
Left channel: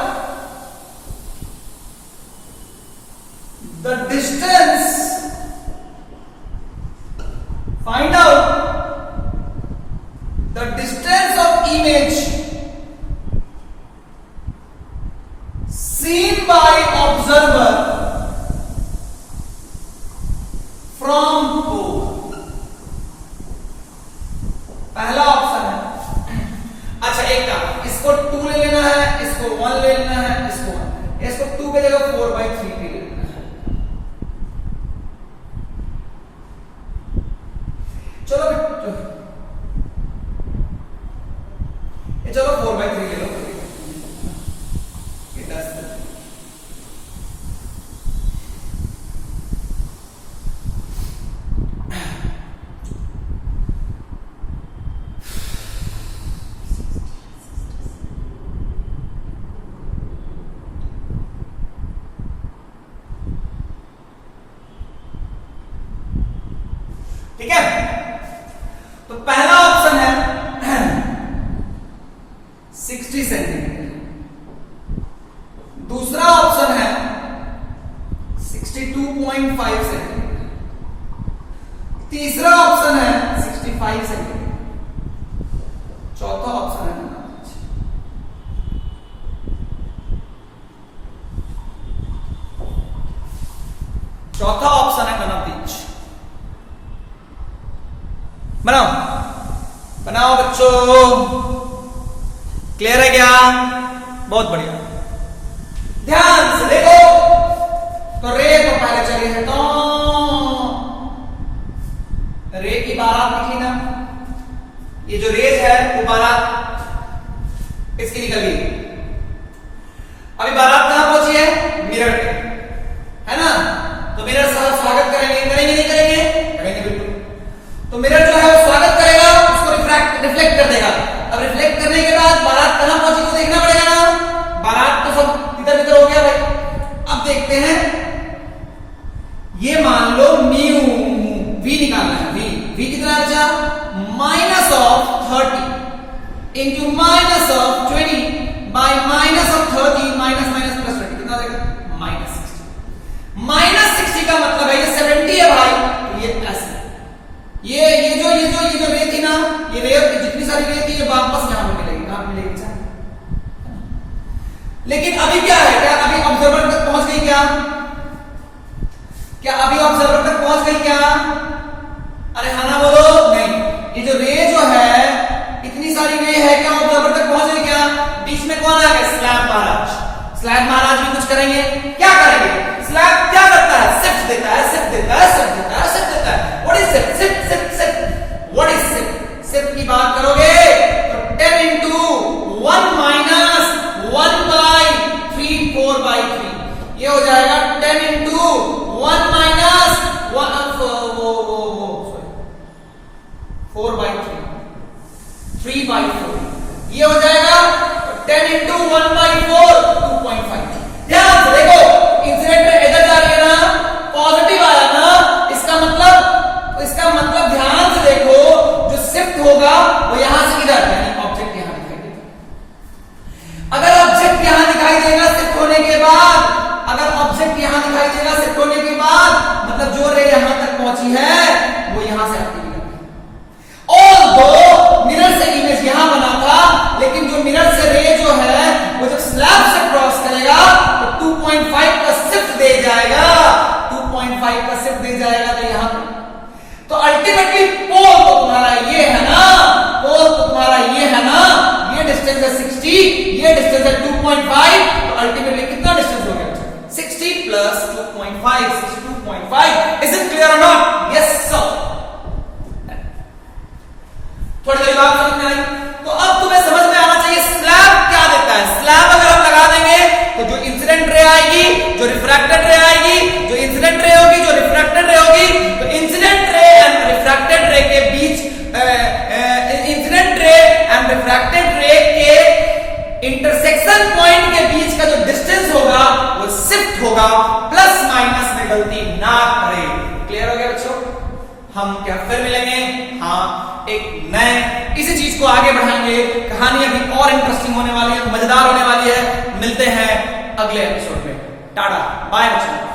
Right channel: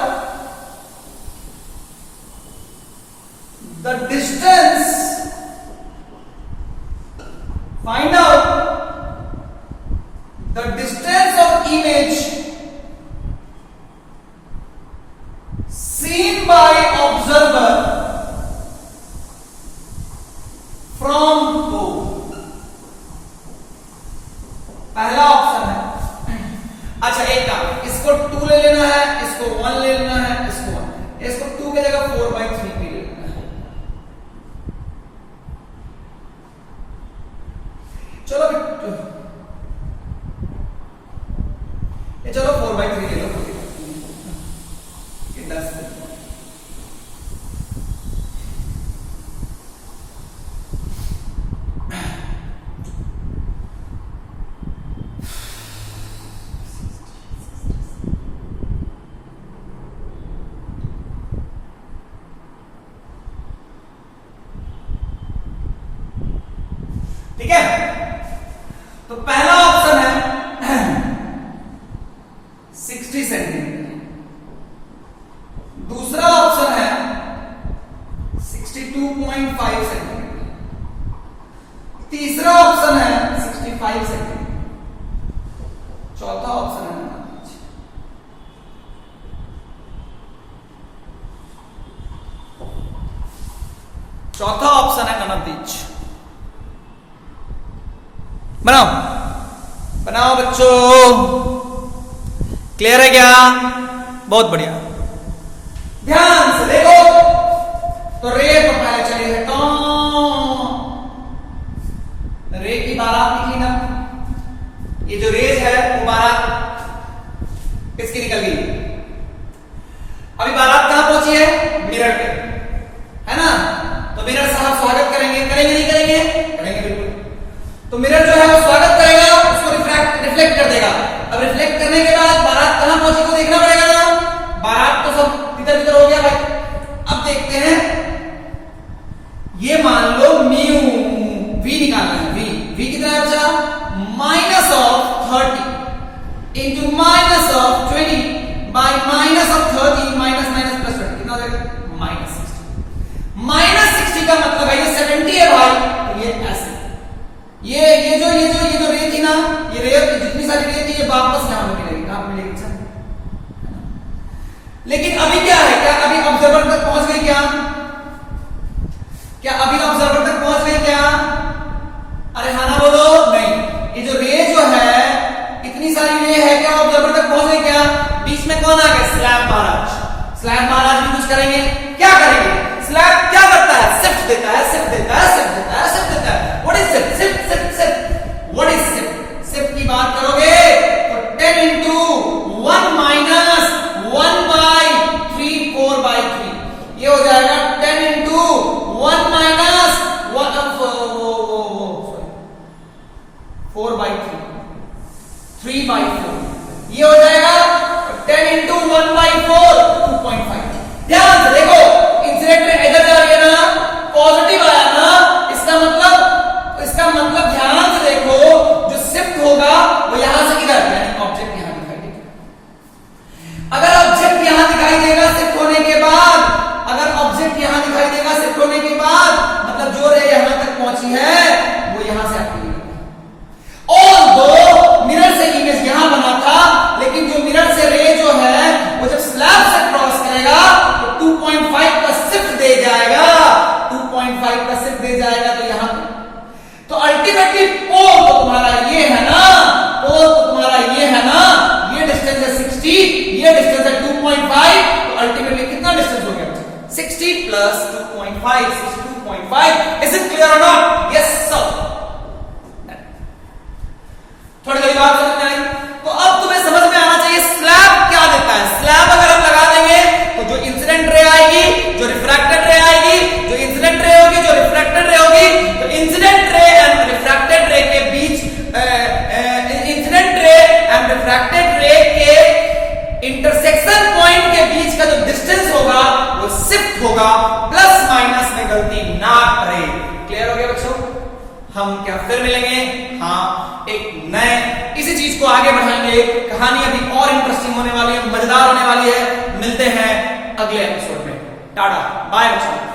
the distance, find out the distance of image seen by observer from pole। पहला ऑप्शन है, अच्छा एक काम, इसको 2 ले लेना है, इसको 1 ले लेना है, इसको 1, इसको 2 की जगह 4/3 ले लेना है। चलो ये चलो 4/3 ले लो, ये 10 ठीक है। तो पहला ऑप्शन है 60 सेंटीमीटर, दूसरा ऑप्शन है 62.5 सेंटीमीटर, तीसरा ऑप्शन है 65 सेंटीमीटर, चौथा ऑप्शन है नन ऑफ दीज। बनाओ बच्चों, क्लियर है क्या? बहुत बढ़िया, ध्यान से देखो। तो रे तो पहले चले है, तो रे की बारात निकली ना, ये जो रेज है वो बारात इसकी निकल गई। अभी बारात कहां पहुंची है? मिरर पे, है ना? तो मिरर साहब स्वागत करेंगे, करेंगे नहीं करेंगे? करेंगे बिल्कुल। तो मिरर जो है वो स्वागत करेगा, उसको रिफ्लेक्ट कर देगा। अब रिफ्लेक्ट करने के बाद बारात कहां पहुंची को देखना पड़ेगा। बारात तो सब इधर उधर हो गया भाई। अब देखते हैं, ये मान लो म्यू वी निकालना है, वी कितना बचा? -30 into minus of 20 by minus of 30 minus minus plus 20 कितना देगा minus 60 minus 60 का मतलब है ये 70 है भाई तो ये ऐसे ये जो रे थी ना ये रे जितनी सारी रे थी ये वापस यहां पे मिलेगी कहां मिलेगी लेकिन अभी क्या है क्या अभी ऑब्जर्वर तक पहुंच गई क्या अभी ऑब्जर्वर तक पहुंच गई क्या अरे हाँ ना बोलो नहीं ये जो रे जो है इतनी सारी रे है क्या ऑब्जर्वर तक पहुंच गई क्या बीच में कौन आ गया स्लैब महाराज भी कुछ करेंगे क्या करेंगे स्लैब क्या करता है शिफ्ट देता है what is shift what is shift की बात करोगे तो 10 into 1 minus 1 by 3 4 by 3 ये हो जाएगा 10 into 1 minus 4 by 3 by 4 ये हो जाएगा 10 into 1 by 4 2.5 ध्यान से देखो इंसिडेंट इधर जा रही है ना पॉजिटिव आया ना इसका मतलब ध्यान से देखो जो शिफ्ट होगा वो यहां से इधर यानी ऑब्जेक्ट यहां दिखाई देगा अगर ऑब्जेक्ट यहां दिखाई देगा शिफ्ट होने के बाद मतलब जो रे यहां तक पहुंची है वो यहां से आती है और दो मिरर से इमेज यहां बना था लेकिन जो मिरर से रे जो है वो जब स्लैब से क्रॉस करेगा तो 2.5 का शिफ्ट दे जाएगा तो यहां तो अल्टीमेटली पोल तो तुम्हारा ये है ना ये डिस्टेंस है 60 ये डिस्टेंस है 2.5 तो अल्टीमेटली कितना डिस्टेंस हो गया 60 plus 2.5 62.5 is it clear or not yes sir थोड़ी देर बाद समझ में आई तो अब तुम्हें समझ में आना चाहिए स्लैब क्या देता है स्लैब अगर हम लगा देंगे तो जो इंसिडेंट रे आएगी जो रिफ्रैक्टेड रे आएगी जो इंसिडेंट रे होगी जो रिफ्रैक्टेड रे होगी तो incident ray and refracted ray के बीच incident ray and refracted ray के इंटरसेक्शन पॉइंट के बीच का जो डिस्टेंस होगा वो शिफ्ट होगा प्लस माइनस में गलती ना करे क्लियर हो गया बच्चों हम क्या फिर मिलेंगे हाँ एक नए इसी चीज को आगे बढ़ाएंगे कहानी अभी और इंटरेस्टिंग होने वाली है मजेदार होने वाली है मिलते हैं अगले एपिसोड में टाटा बाय बच्चों